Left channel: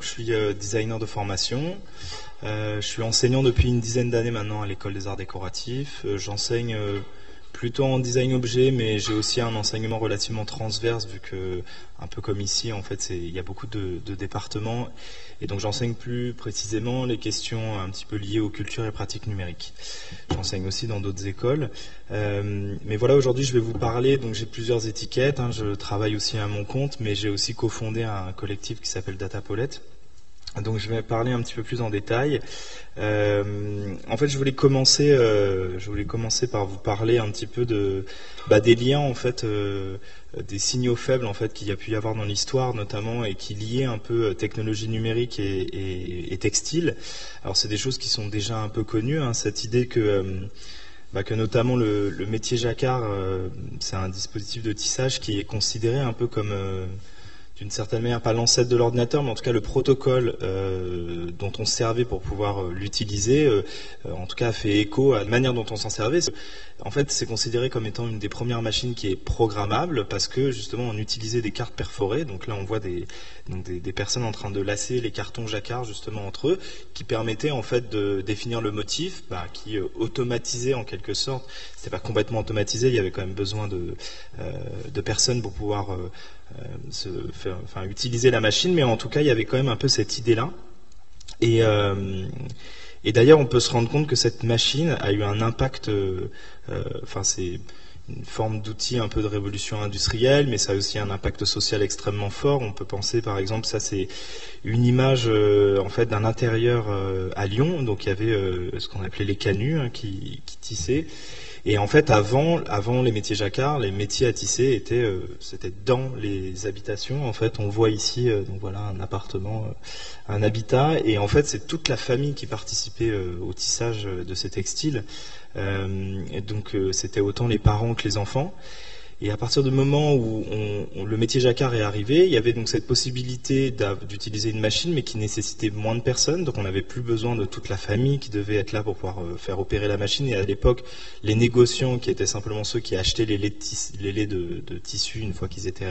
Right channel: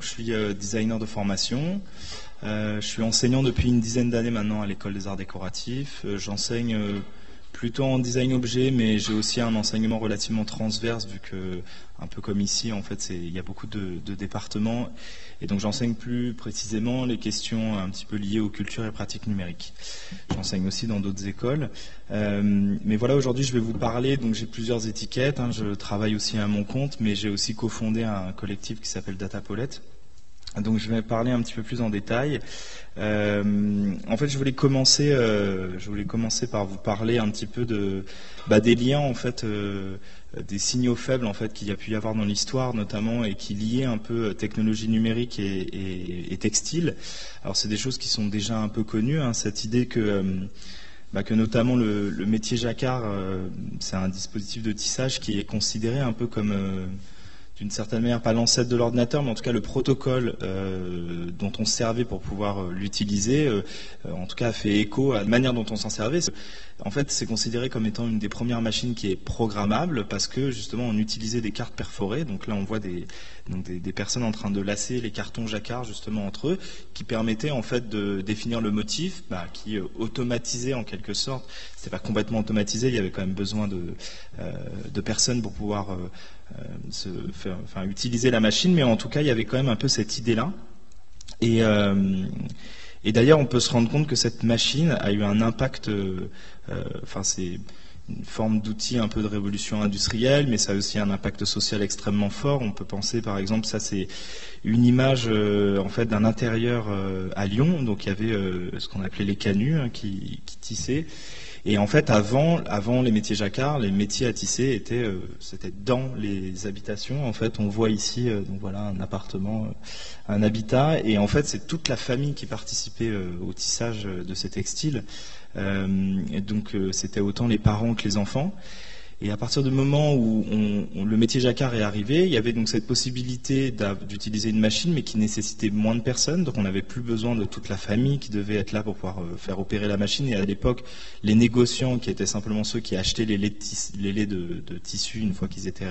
Je suis designer de formation. Je suis enseignant depuis une dizaine d'années maintenant à l'École des Arts Décoratifs. J'enseigne plutôt en design objet, mais j'ai aussi un enseignement relativement transverse, vu que, un peu comme ici, en fait, il y a beaucoup de départements. Et donc j'enseigne plus précisément les questions un petit peu liées aux cultures et pratiques numériques. J'enseigne aussi dans d'autres écoles. Mais voilà, aujourd'hui je vais vous parler, donc j'ai plusieurs étiquettes, je travaille aussi à mon compte, mais j'ai aussi cofondé un collectif qui s'appelle Datapolette. Donc je vais parler un petit peu plus en détail. En fait, je voulais commencer par vous parler un petit peu des liens en fait, des signaux faibles en fait qu'il y a pu y avoir dans l'histoire notamment et qui liaient un peu technologie numérique et textile. Alors c'est des choses qui sont déjà un peu connues, cette idée que notamment le métier jacquard, c'est un dispositif de tissage qui est considéré un peu comme d'une certaine manière, pas l'ancêtre de l'ordinateur, mais en tout cas le protocole dont on se servait pour pouvoir l'utiliser, en tout cas a fait écho à la manière dont on s'en servait. En fait, c'est considéré comme étant une des premières machines qui est programmable parce que justement on utilisait des cartes perforées. Donc là, on voit des personnes en train de lasser les cartons jacquard justement entre eux, qui permettaient en fait de définir le motif, qui automatisait en quelque sorte. C'était pas complètement automatisé, il y avait quand même besoin de personnes pour pouvoir utiliser la machine, mais en tout cas il y avait quand même un peu cette idée-là. Et d'ailleurs on peut se rendre compte que cette machine a eu un impact, c'est une forme d'outil un peu de révolution industrielle, mais ça a aussi un impact social extrêmement fort. On peut penser par exemple, ça c'est une image en fait d'un intérieur à Lyon, donc il y avait ce qu'on appelait les canuts qui tissaient. Et en fait, avant les métiers jacquard, les métiers à tisser c'était dans les habitations. En fait, on voit ici, donc voilà, un appartement, un habitat, et en fait, c'est toute la famille qui participait au tissage de ces textiles. Et donc, c'était autant les parents que les enfants. Et à partir du moment où le métier jacquard est arrivé, il y avait donc cette possibilité d'utiliser une machine, mais qui nécessitait moins de personnes. Donc on n'avait plus besoin de toute la famille qui devait être là pour pouvoir faire opérer la machine. Et à l'époque, les négociants, qui étaient simplement ceux qui achetaient les laits de tissu une fois qu'ils étaient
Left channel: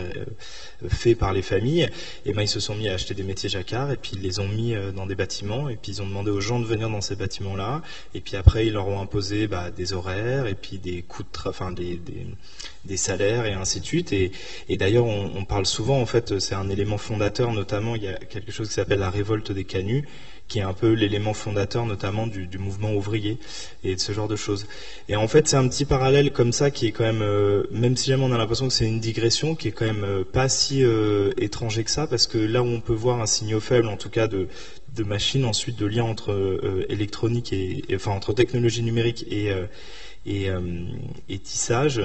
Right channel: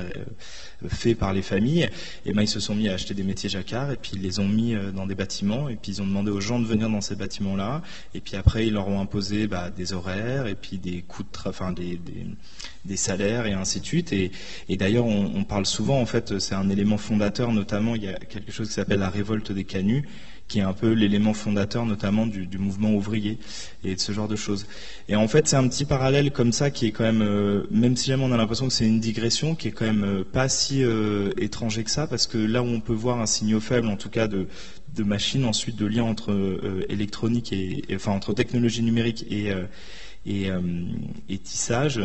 faits par les familles, et ils se sont mis à acheter des métiers jacquard, et puis ils les ont mis dans des bâtiments, et puis ils ont demandé aux gens de venir dans ces bâtiments-là. Et puis après, ils leur ont imposé des horaires, et puis des coûts des salaires et ainsi de suite. Et d'ailleurs, on parle souvent, en fait, c'est un élément fondateur, notamment, il y a quelque chose qui s'appelle la révolte des canuts, qui est un peu l'élément fondateur, notamment du mouvement ouvrier et de ce genre de choses. Et en fait, c'est un petit parallèle comme ça qui est quand même si jamais on a l'impression que c'est une digression, qui est quand même pas si étranger que ça, parce que là où on peut voir un signal faible, en tout cas de machines, ensuite de lien entre électronique entre technologie numérique et tissage,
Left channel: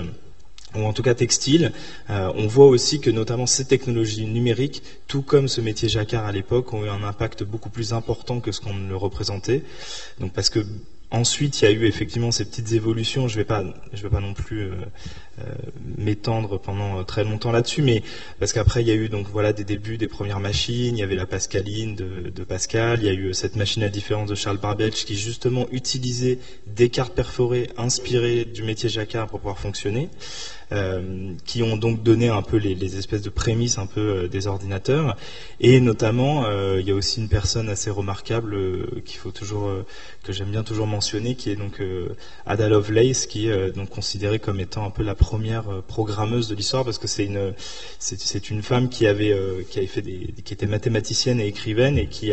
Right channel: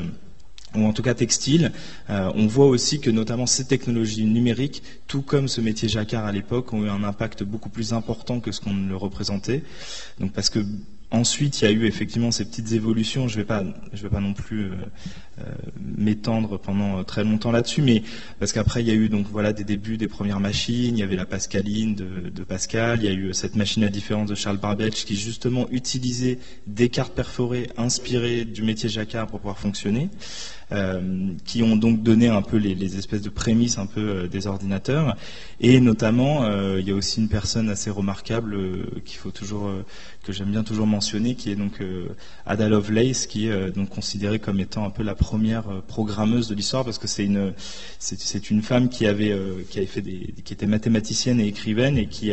ou en tout cas textile, on voit aussi que notamment ces technologies numériques, tout comme ce métier jacquard à l'époque, ont eu un impact beaucoup plus important que ce qu'on ne le représentait. Donc parce que ensuite, il y a eu effectivement ces petites évolutions. Je vais pas non plus m'étendre pendant très longtemps là-dessus, mais parce qu'après il y a eu donc voilà des débuts des premières machines. Il y avait la Pascaline de Pascal. Il y a eu cette machine à différence de Charles Babbage qui justement utilisait des cartes perforées inspirées du métier jacquard pour pouvoir fonctionner. Qui ont donc donné un peu les espèces de prémices un peu des ordinateurs. Et notamment, il y a aussi une personne assez remarquable que j'aime bien toujours mentionner, qui est donc Ada Lovelace, qui est donc considérée comme étant un peu la première programmeuse de l'histoire, parce que c'est une femme qui était mathématicienne et écrivaine, et qui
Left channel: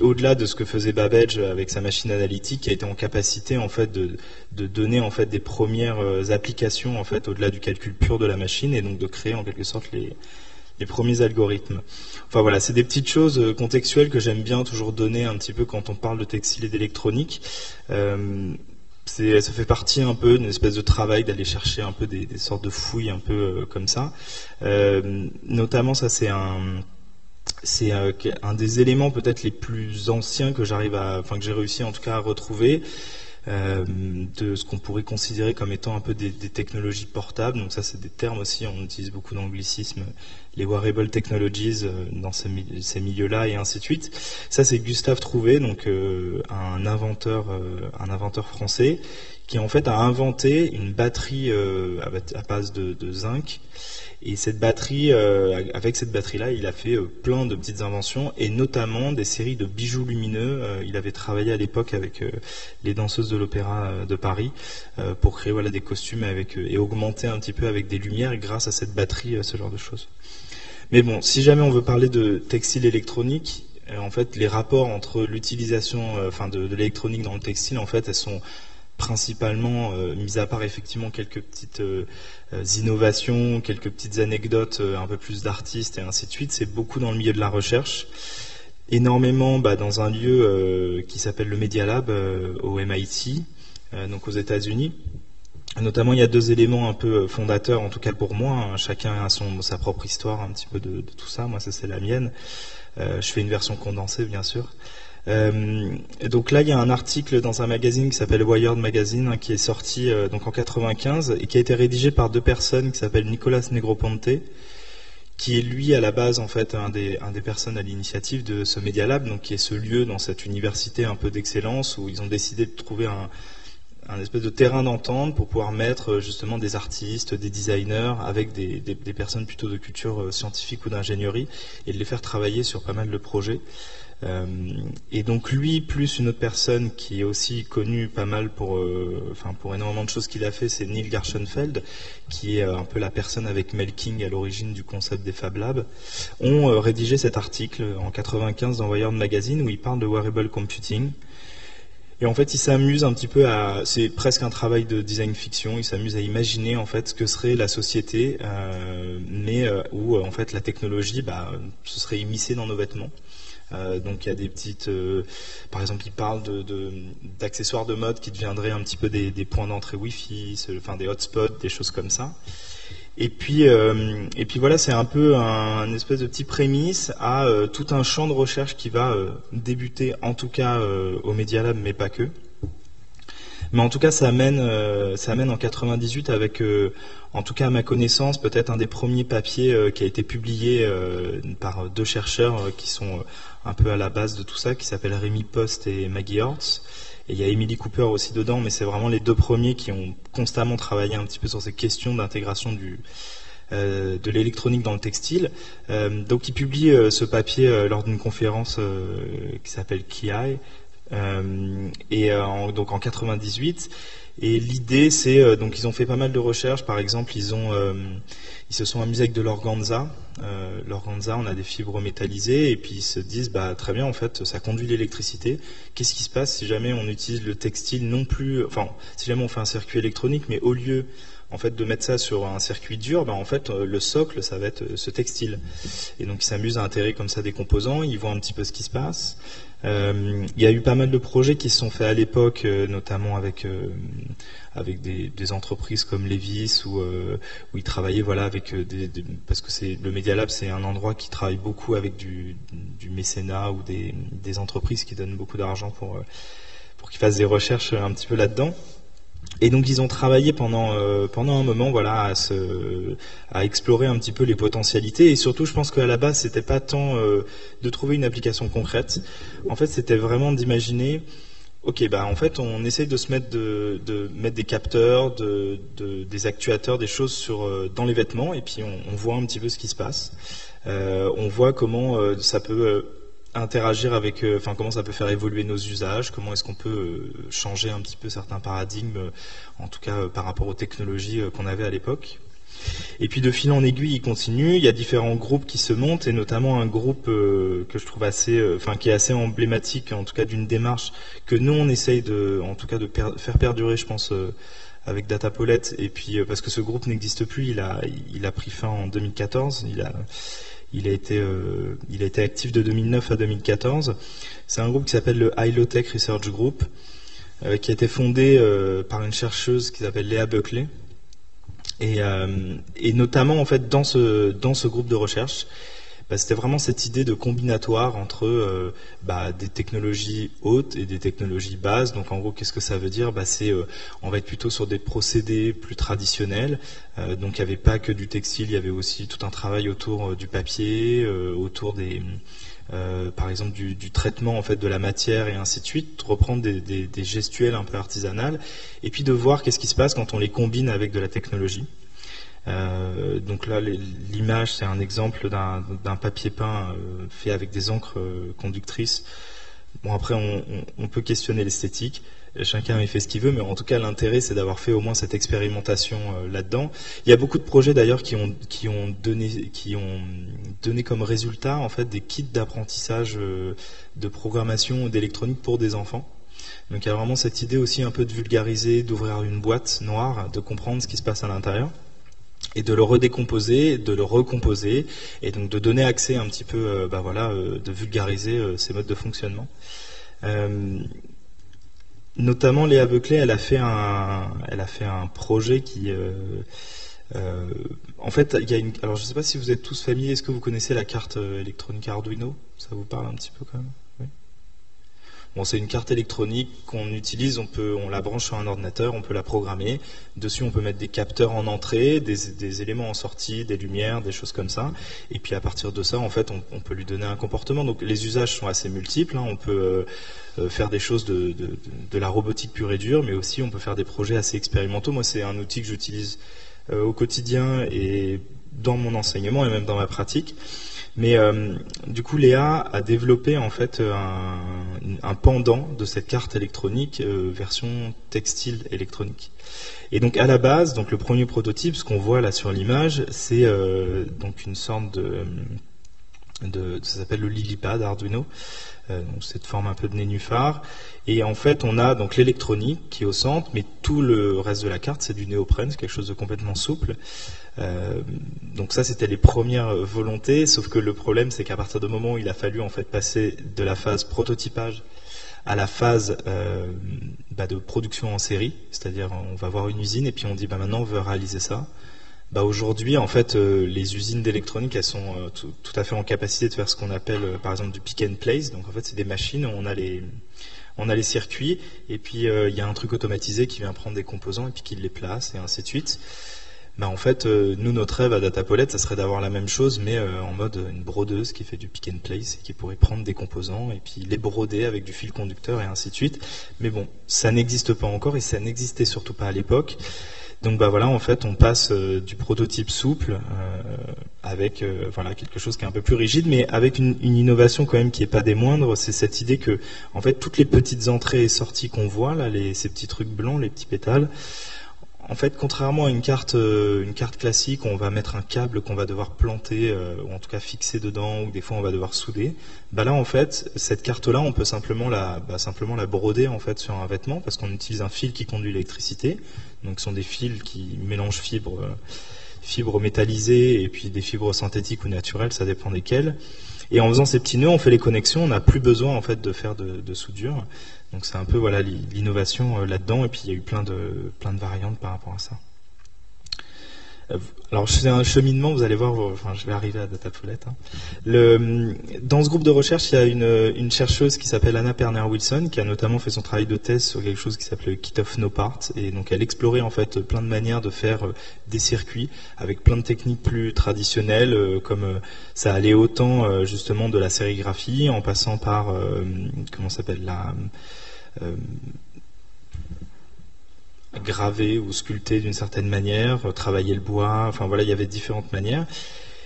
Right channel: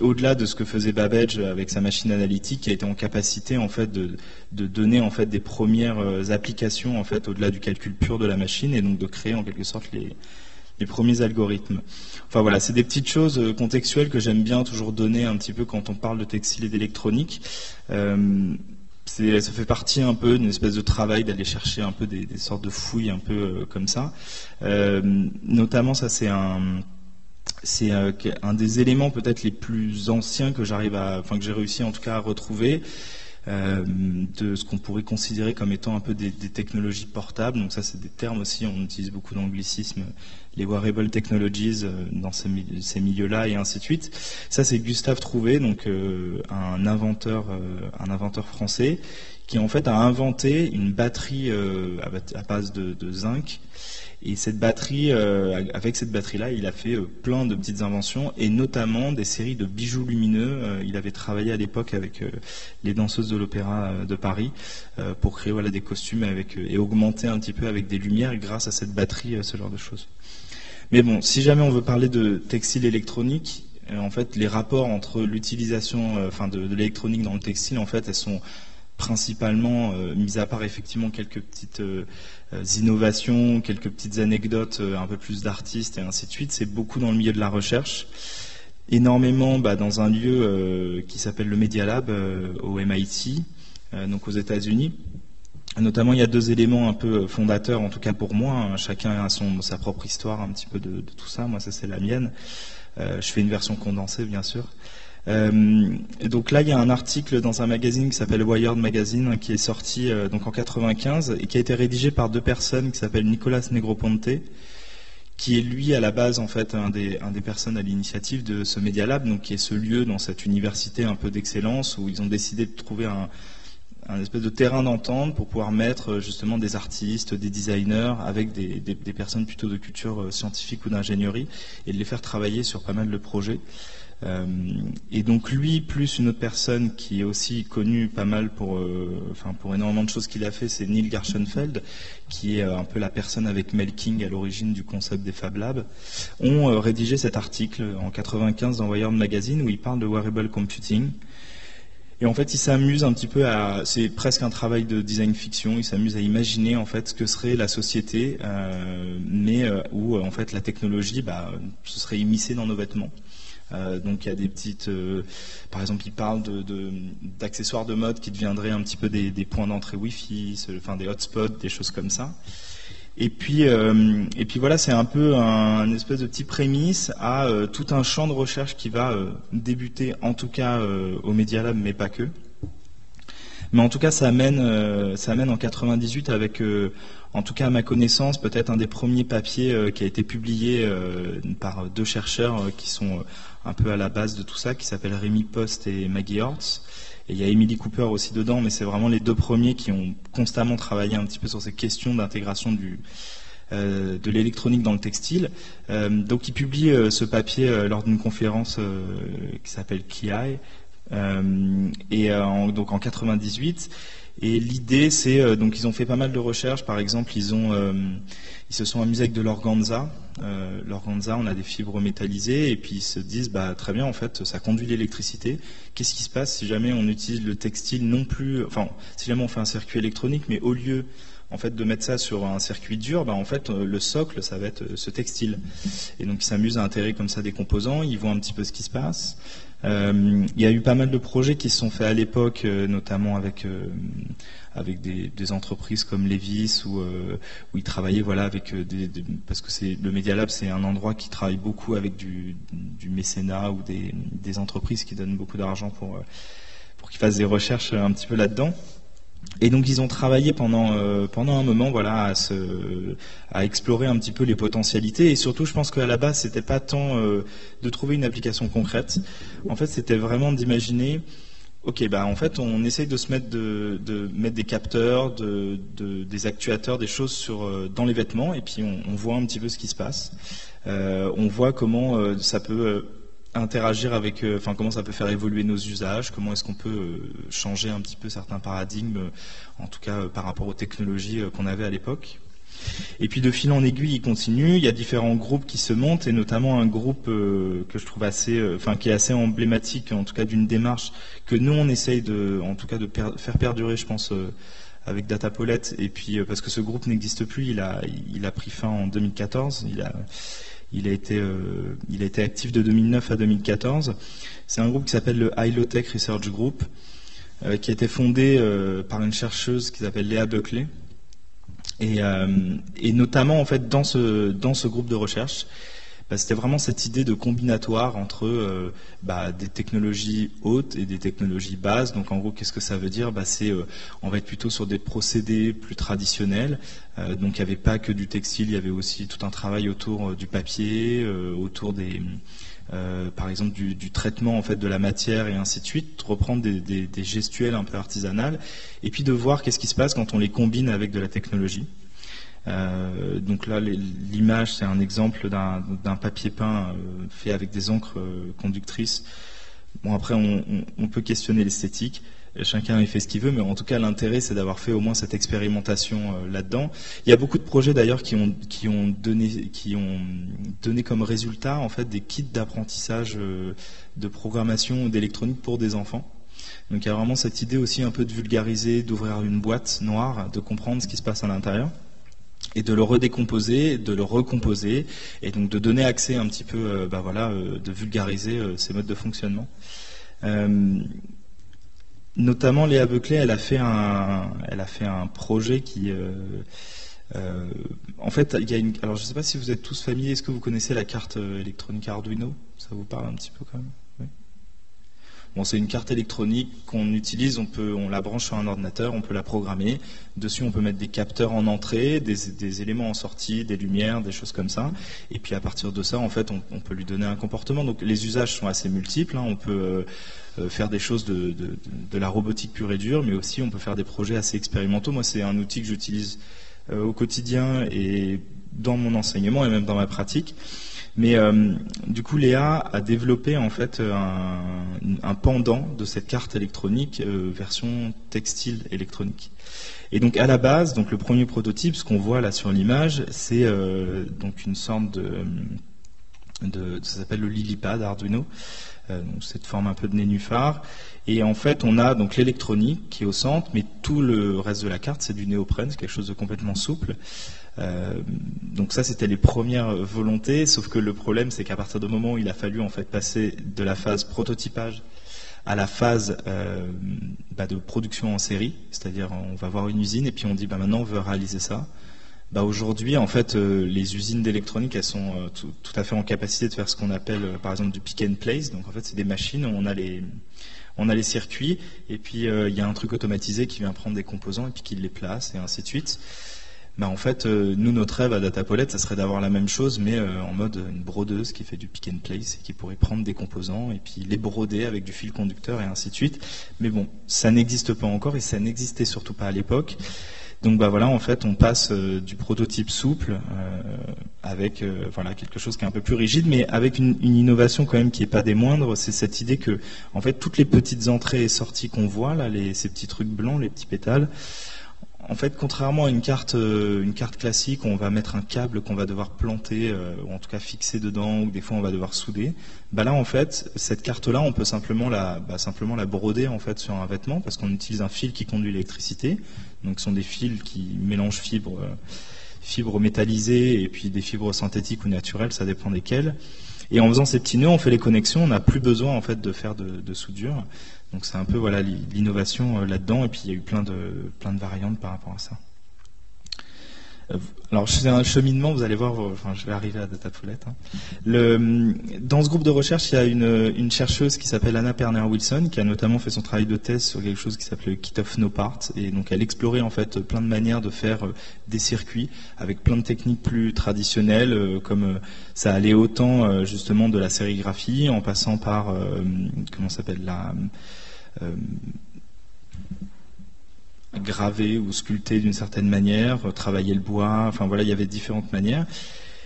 au-delà de ce que faisait Babbage avec sa machine analytique, qui a été en capacité en fait de donner en fait des premières applications en fait au-delà du calcul pur de la machine, et donc de créer en quelque sorte les premiers algorithmes. Enfin voilà, c'est des petites choses contextuelles que j'aime bien toujours donner un petit peu quand on parle de textile et d'électronique. Ça fait partie un peu d'une espèce de travail d'aller chercher un peu des sortes de fouilles un peu comme ça. Notamment, ça c'est un des éléments peut-être les plus anciens que j'ai réussi en tout cas à retrouver, de ce qu'on pourrait considérer comme étant un peu des technologies portables. Donc ça, c'est des termes aussi, on utilise beaucoup d'anglicismes, les wearable technologies dans ces milieux-là et ainsi de suite. Ça, c'est Gustave Trouvé, donc un inventeur français, qui en fait a inventé une batterie à base de zinc, Et cette batterie, avec cette batterie-là, il a fait plein de petites inventions, et notamment des séries de bijoux lumineux. Il avait travaillé à l'époque avec les danseuses de l'Opéra de Paris pour créer voilà, des costumes et augmenter un petit peu avec des lumières, et grâce à cette batterie, ce genre de choses. Mais bon, si jamais on veut parler de textile électronique, en fait, les rapports entre l'utilisation de l'électronique dans le textile, en fait, elles sont principalement, mis à part effectivement quelques petites innovations, quelques petites anecdotes, un peu plus d'artistes et ainsi de suite, c'est beaucoup dans le milieu de la recherche, énormément dans un lieu qui s'appelle le Media Lab au MIT, donc aux États-Unis. Notamment, il y a 2 éléments un peu fondateurs, en tout cas pour moi, hein. Chacun a sa propre histoire un petit peu de tout ça. Moi, ça c'est la mienne. Je fais une version condensée, bien sûr. Et donc là, il y a un article dans un magazine qui s'appelle Wired Magazine, qui est sorti donc en 95 et qui a été rédigé par 2 personnes qui s'appellent Nicolas Negroponte, qui est lui à la base en fait un des personnes à l'initiative de ce Media Lab, donc qui est ce lieu dans cette université un peu d'excellence où ils ont décidé de trouver un espèce de terrain d'entente pour pouvoir mettre justement des artistes, des designers avec des personnes plutôt de culture scientifique ou d'ingénierie, et de les faire travailler sur pas mal de projets. Et donc lui, plus une autre personne qui est aussi connue pas mal pour énormément de choses qu'il a fait, c'est Neil Gershenfeld, qui est un peu la personne avec Mel King à l'origine du concept des Fab Labs, ont rédigé cet article en 95 dans Wired Magazine où il parle de wearable computing. Et en fait, il s'amuse un petit peu c'est presque un travail de design fiction, il s'amuse à imaginer en fait ce que serait la société, mais où en fait la technologie, ce serait immiscée dans nos vêtements. Donc il y a des petites, par exemple, il parle d'accessoires de mode qui deviendraient un petit peu des points d'entrée Wi-Fi, des hotspots, des choses comme ça. Et puis voilà, c'est un peu un espèce de petit prémisse à tout un champ de recherche qui va débuter, en tout cas au Media Lab, mais pas que. Mais en tout cas, ça amène en 98 avec, en tout cas à ma connaissance, peut-être un des premiers papiers qui a été publié par 2 chercheurs qui sont un peu à la base de tout ça, qui s'appellent Rémi Post et Maggie Hortz. Et il y a Emily Cooper aussi dedans, mais c'est vraiment les 2 premiers qui ont constamment travaillé un petit peu sur ces questions d'intégration de l'électronique dans le textile. Donc ils publient ce papier lors d'une conférence qui s'appelle KIAI, donc en 98. Et l'idée, c'est donc ils ont fait pas mal de recherches. Par exemple, ils se sont amusés avec de l'organza. L'organza, on a des fibres métallisées, et puis ils se disent très bien, en fait, ça conduit l'électricité. Qu'est-ce qui se passe si jamais on utilise le textile si jamais on fait un circuit électronique, mais au lieu en fait de mettre ça sur un circuit dur, en fait le socle, ça va être ce textile. Et donc ils s'amusent à intégrer comme ça des composants, ils voient un petit peu ce qui se passe. Il y a eu pas mal de projets qui se sont faits à l'époque, notamment avec des entreprises comme Levi's où ils travaillaient avec parce que le Media Lab, c'est un endroit qui travaille beaucoup avec du mécénat ou des entreprises qui donnent beaucoup d'argent pour qu'ils fassent des recherches un petit peu là-dedans. Et donc ils ont travaillé pendant un moment à explorer un petit peu les potentialités, et surtout je pense qu'à la base c'était pas tant de trouver une application concrète. En fait, c'était vraiment d'imaginer en fait on essaye de se mettre de mettre des capteurs, des actuateurs, des choses dans les vêtements, et puis on voit un petit peu ce qui se passe. On voit comment ça peut interagir avec, comment ça peut faire évoluer nos usages, comment est-ce qu'on peut changer un petit peu certains paradigmes, en tout cas par rapport aux technologies qu'on avait à l'époque. Et puis de fil en aiguille, il continue. Il y a différents groupes qui se montent, et notamment un groupe que je trouve qui est assez emblématique, en tout cas d'une démarche que nous on essaye de faire perdurer, je pense, avec Datapollet. Et puis parce que ce groupe n'existe plus, il a pris fin en 2014. Il a été actif de 2009 à 2014. C'est un groupe qui s'appelle le High Low Tech Research Group, qui a été fondé par une chercheuse qui s'appelle Léa Buckley. Et notamment en fait dans ce groupe de recherche, c'était vraiment cette idée de combinatoire entre des technologies hautes et des technologies basses. Donc en gros, qu'est-ce que ça veut dire ? On va être plutôt sur des procédés plus traditionnels. Donc il n'y avait pas que du textile, il y avait aussi tout un travail autour du papier, autour par exemple du traitement en fait de la matière et ainsi de suite, reprendre des gestuels un peu artisanales, et puis de voir qu'est-ce qui se passe quand on les combine avec de la technologie. Donc là, l'image, c'est un exemple d'un papier peint fait avec des encres conductrices. Bon, après, on peut questionner l'esthétique. Chacun y fait ce qu'il veut, mais en tout cas, l'intérêt, c'est d'avoir fait au moins cette expérimentation là-dedans. Il y a beaucoup de projets d'ailleurs qui ont donné comme résultat en fait des kits d'apprentissage de programmation ou d'électronique pour des enfants. Donc il y a vraiment cette idée aussi un peu de vulgariser, d'ouvrir une boîte noire, de comprendre ce qui se passe à l'intérieur, et de le redécomposer, de le recomposer, et donc de donner accès un petit peu, de vulgariser ces modes de fonctionnement. Notamment Léa Beuclé, elle a fait un projet qui, en fait, alors je ne sais pas si vous êtes tous familiers, est-ce que vous connaissez la carte électronique Arduino? Ça vous parle un petit peu quand même? Oui. Bon, c'est une carte électronique qu'on utilise, on la branche sur un ordinateur, on peut la programmer. Dessus, on peut mettre des capteurs en entrée, des éléments en sortie, des lumières, des choses comme ça. Et puis à partir de ça, en fait, on peut lui donner un comportement. Donc les usages sont assez multiples. On peut faire des choses de la robotique pure et dure, mais aussi on peut faire des projets assez expérimentaux. Moi, c'est un outil que j'utilise au quotidien et dans mon enseignement et même dans ma pratique. Mais du coup, Léa a développé en fait un pendant de cette carte électronique version textile électronique. Et donc à la base, donc le premier prototype, ce qu'on voit là sur l'image, c'est donc une sorte ça s'appelle le LilyPad Arduino. Donc cette forme un peu de nénuphar. Et en fait, on a donc l'électronique qui est au centre, mais tout le reste de la carte, c'est du néoprène, c'est quelque chose de complètement souple. Donc ça, c'était les premières volontés, sauf que le problème, c'est qu'à partir du moment où il a fallu en fait passer de la phase prototypage à la phase de production en série, c'est-à-dire on va voir une usine et puis on dit maintenant on veut réaliser ça. Aujourd'hui, en fait, les usines d'électronique, elles sont tout à fait en capacité de faire ce qu'on appelle, par exemple, du pick and place. Donc, en fait, c'est des machines où on a les circuits, et puis il y a un truc automatisé qui vient prendre des composants et puis qui les place, et ainsi de suite. En fait, nous, notre rêve à Datapolet, ça serait d'avoir la même chose, mais en mode une brodeuse qui fait du pick and place et qui pourrait prendre des composants et puis les broder avec du fil conducteur et ainsi de suite. Mais bon, ça n'existe pas encore et ça n'existait surtout pas à l'époque. Donc en fait, on passe du prototype souple avec quelque chose qui est un peu plus rigide, mais avec une innovation quand même qui n'est pas des moindres. C'est cette idée que, en fait, toutes les petites entrées et sorties qu'on voit là, ces petits trucs blancs, les petits pétales. En fait, contrairement à une carte classique, où on va mettre un câble qu'on va devoir planter, ou en tout cas fixer dedans, ou des fois on va devoir souder. Là, en fait, cette carte-là, on peut simplement la broder en fait sur un vêtement, parce qu'on utilise un fil qui conduit l'électricité. Donc, ce sont des fils qui mélangent fibres métallisées et puis des fibres synthétiques ou naturelles, ça dépend desquelles. Et en faisant ces petits nœuds, on fait les connexions, on n'a plus besoin en fait de faire de soudure. Donc c'est un peu l'innovation là-dedans, et puis il y a eu plein de variantes par rapport à ça. Alors c'est un cheminement, vous allez voir, je vais arriver à Datapolet. Dans ce groupe de recherche, il y a une chercheuse qui s'appelle Anna Perner-Wilson, qui a notamment fait son travail de thèse sur quelque chose qui s'appelle le Kit of No Part, et donc elle explorait en fait plein de manières de faire des circuits avec plein de techniques plus traditionnelles, comme ça allait autant justement de la sérigraphie, en passant par graver ou sculpter d'une certaine manière, travailler le bois, il y avait différentes manières.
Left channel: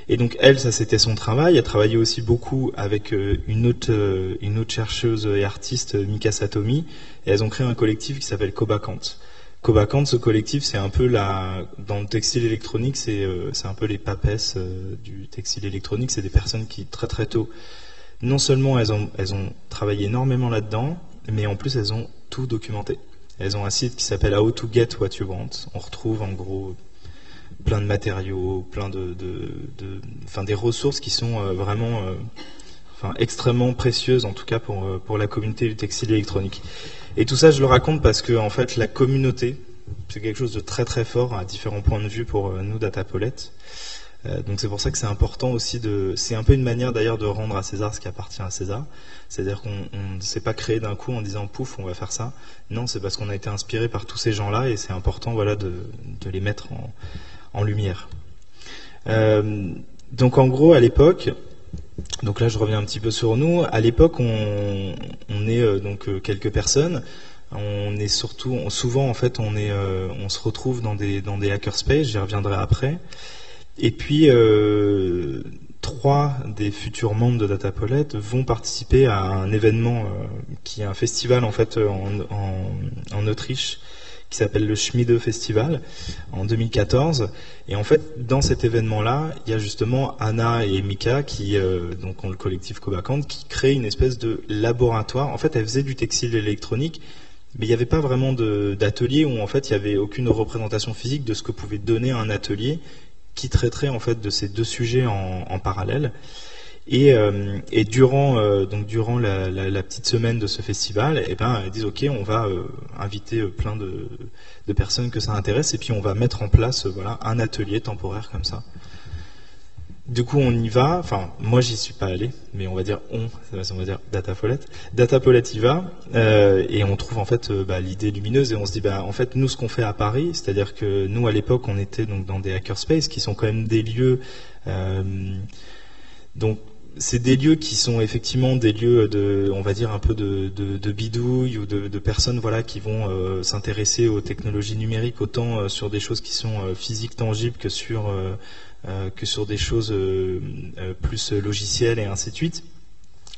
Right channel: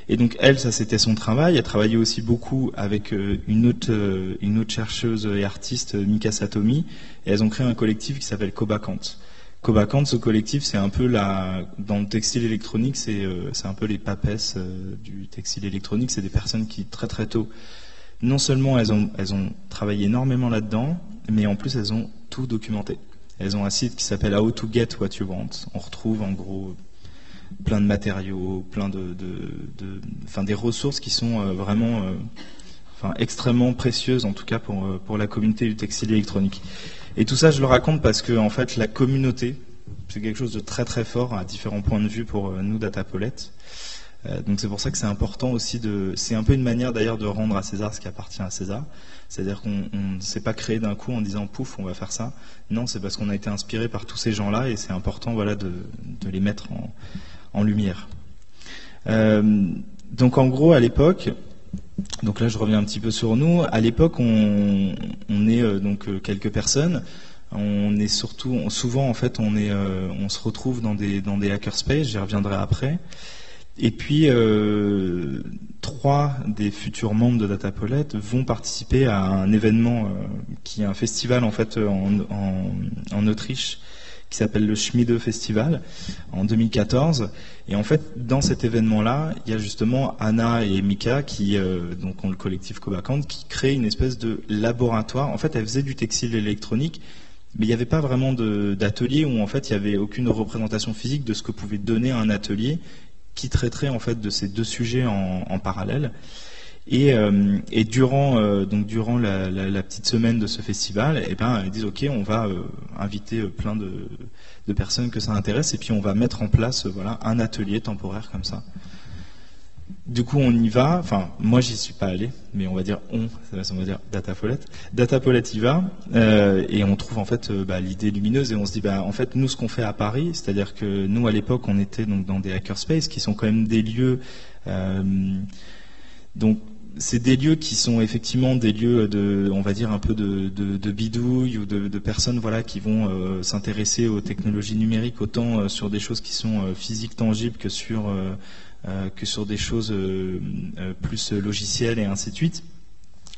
Et donc elle, ça c'était son travail. Elle travaillait aussi beaucoup avec une autre chercheuse et artiste, Mika Satomi, et elles ont créé un collectif qui s'appelle Cobacant. Cobacant, ce collectif, c'est un peu dans le textile électronique, c'est un peu les papesses du textile électronique. C'est des personnes qui très très tôt, non seulement elles ont travaillé énormément là-dedans, mais en plus elles ont tout documenté. Elles ont un site qui s'appelle How to Get What You Want. On retrouve en gros plein de matériaux, plein des ressources qui sont vraiment extrêmement précieuses, en tout cas pour la communauté du textile électronique. Et tout ça, je le raconte parce que en fait, la communauté, c'est quelque chose de très très fort à différents points de vue pour nous, Datapolet. Donc c'est pour ça que c'est important aussi c'est un peu une manière d'ailleurs de rendre à César ce qui appartient à César. C'est-à-dire qu'on ne s'est pas créé d'un coup en disant pouf, on va faire ça. Non, c'est parce qu'on a été inspiré par tous ces gens-là et c'est important de les mettre en lumière. Donc en gros, à l'époque, donc là je reviens un petit peu sur nous, à l'époque on est quelques personnes. On est surtout, souvent en fait, on se retrouve dans des hackerspaces. J'y reviendrai après. Et puis, 3 des futurs membres de Datapolet vont participer à un événement qui est un festival en fait en Autriche qui s'appelle le Schmiede Festival en 2014. Et en fait, dans cet événement-là, il y a justement Anna et Mika qui donc ont le collectif Cobacant qui créent une espèce de laboratoire. En fait, elles faisaient du textile électronique, mais il n'y avait pas vraiment d'atelier où en fait il n'y avait aucune représentation physique de ce que pouvait donner un atelier qui traiterait en fait de ces 2 sujets en parallèle. Et durant la petite semaine de ce festival, eh ben, ils disent ok, on va inviter plein de personnes que ça intéresse et puis on va mettre en place voilà un atelier temporaire comme ça. Du coup, on y va. Enfin, moi, j'y suis pas allé, mais on va dire on va dire Datapolet. Datapolet y va et on trouve en fait l'idée lumineuse et on se dit en fait nous ce qu'on fait à Paris, c'est-à-dire que nous à l'époque on était donc dans des hackerspaces qui sont quand même des lieux donc c'est des lieux qui sont effectivement des lieux on va dire un peu de bidouille ou de personnes voilà qui vont s'intéresser aux technologies numériques autant sur des choses qui sont physiques tangibles que sur des choses plus logicielles et ainsi de suite.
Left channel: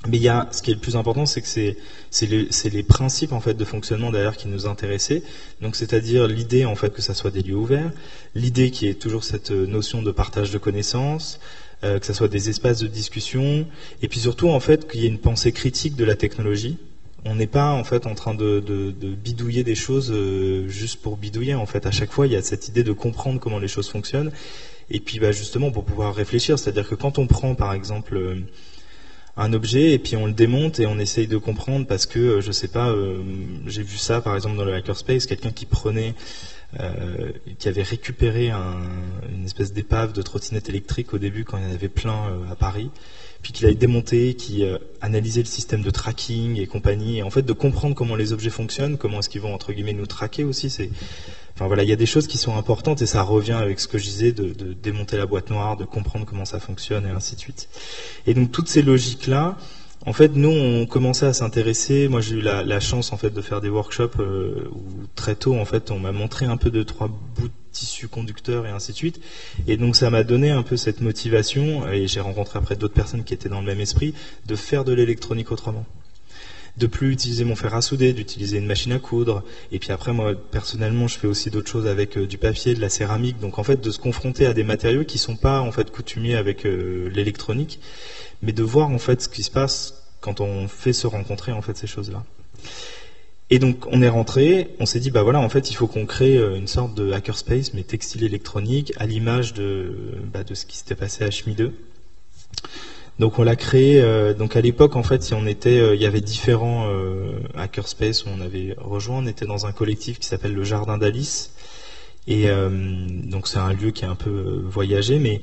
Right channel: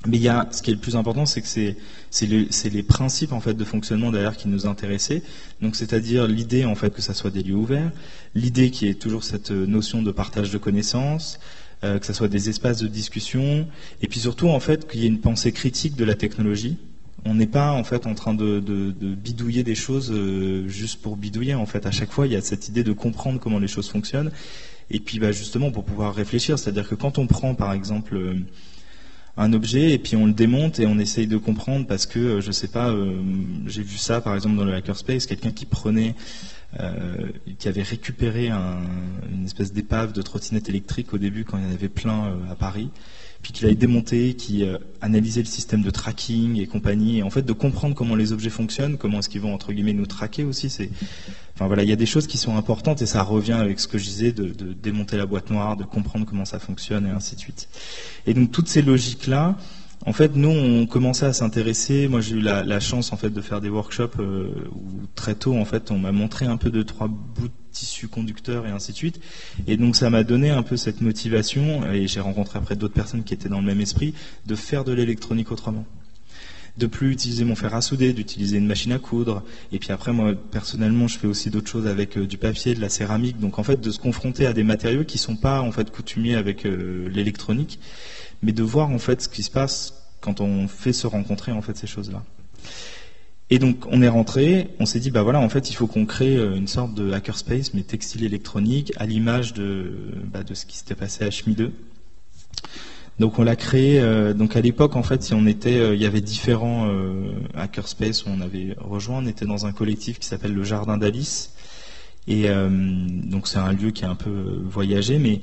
Mais ce qui est le plus important, c'est que c'est les principes en fait de fonctionnement derrière qui nous intéressaient. Donc c'est-à-dire l'idée en fait que ça soit des lieux ouverts, l'idée qui est toujours cette notion de partage de connaissances, que ça soit des espaces de discussion, et puis surtout en fait qu'il y ait une pensée critique de la technologie. On n'est pas en fait en train de bidouiller des choses juste pour bidouiller. En fait, à chaque fois, il y a cette idée de comprendre comment les choses fonctionnent. Et puis justement pour pouvoir réfléchir, c'est-à-dire que quand on prend par exemple un objet et puis on le démonte et on essaye de comprendre parce que je sais pas, j'ai vu ça par exemple dans le hackerspace, quelqu'un qui avait récupéré une espèce d'épave de trottinette électrique au début quand il y en avait plein à Paris, puis qu'il avait démonté, qui analysait le système de tracking et compagnie, et en fait de comprendre comment les objets fonctionnent, comment est-ce qu'ils vont entre guillemets nous traquer aussi, enfin voilà, il y a des choses qui sont importantes et ça revient avec ce que je disais de démonter la boîte noire, de comprendre comment ça fonctionne et ainsi de suite. Et donc toutes ces logiques-là, en fait, nous, on commençait à s'intéresser. Moi, j'ai eu la chance, en fait, de faire des workshops où très tôt, en fait, on m'a montré un peu 2-3 bouts de tissu conducteur et ainsi de suite. Et donc, ça m'a donné un peu cette motivation, et j'ai rencontré après d'autres personnes qui étaient dans le même esprit, de faire de l'électronique autrement. De plus utiliser mon fer à souder, d'utiliser une machine à coudre. Et puis après, moi, personnellement, je fais aussi d'autres choses avec du papier, de la céramique. Donc, en fait, de se confronter à des matériaux qui sont pas, en fait, coutumiers avec l'électronique, mais de voir en fait ce qui se passe quand on fait se rencontrer en fait ces choses-là. Et donc on est rentré, on s'est dit voilà en fait il faut qu'on crée une sorte de hackerspace mais textile électronique à l'image de ce qui s'était passé à Schmiede. Donc on l'a créé. Donc à l'époque en fait il y avait différents hackerspaces où on avait rejoint. On était dans un collectif qui s'appelle le Jardin d'Alice et donc c'est un lieu qui est un peu voyagé mais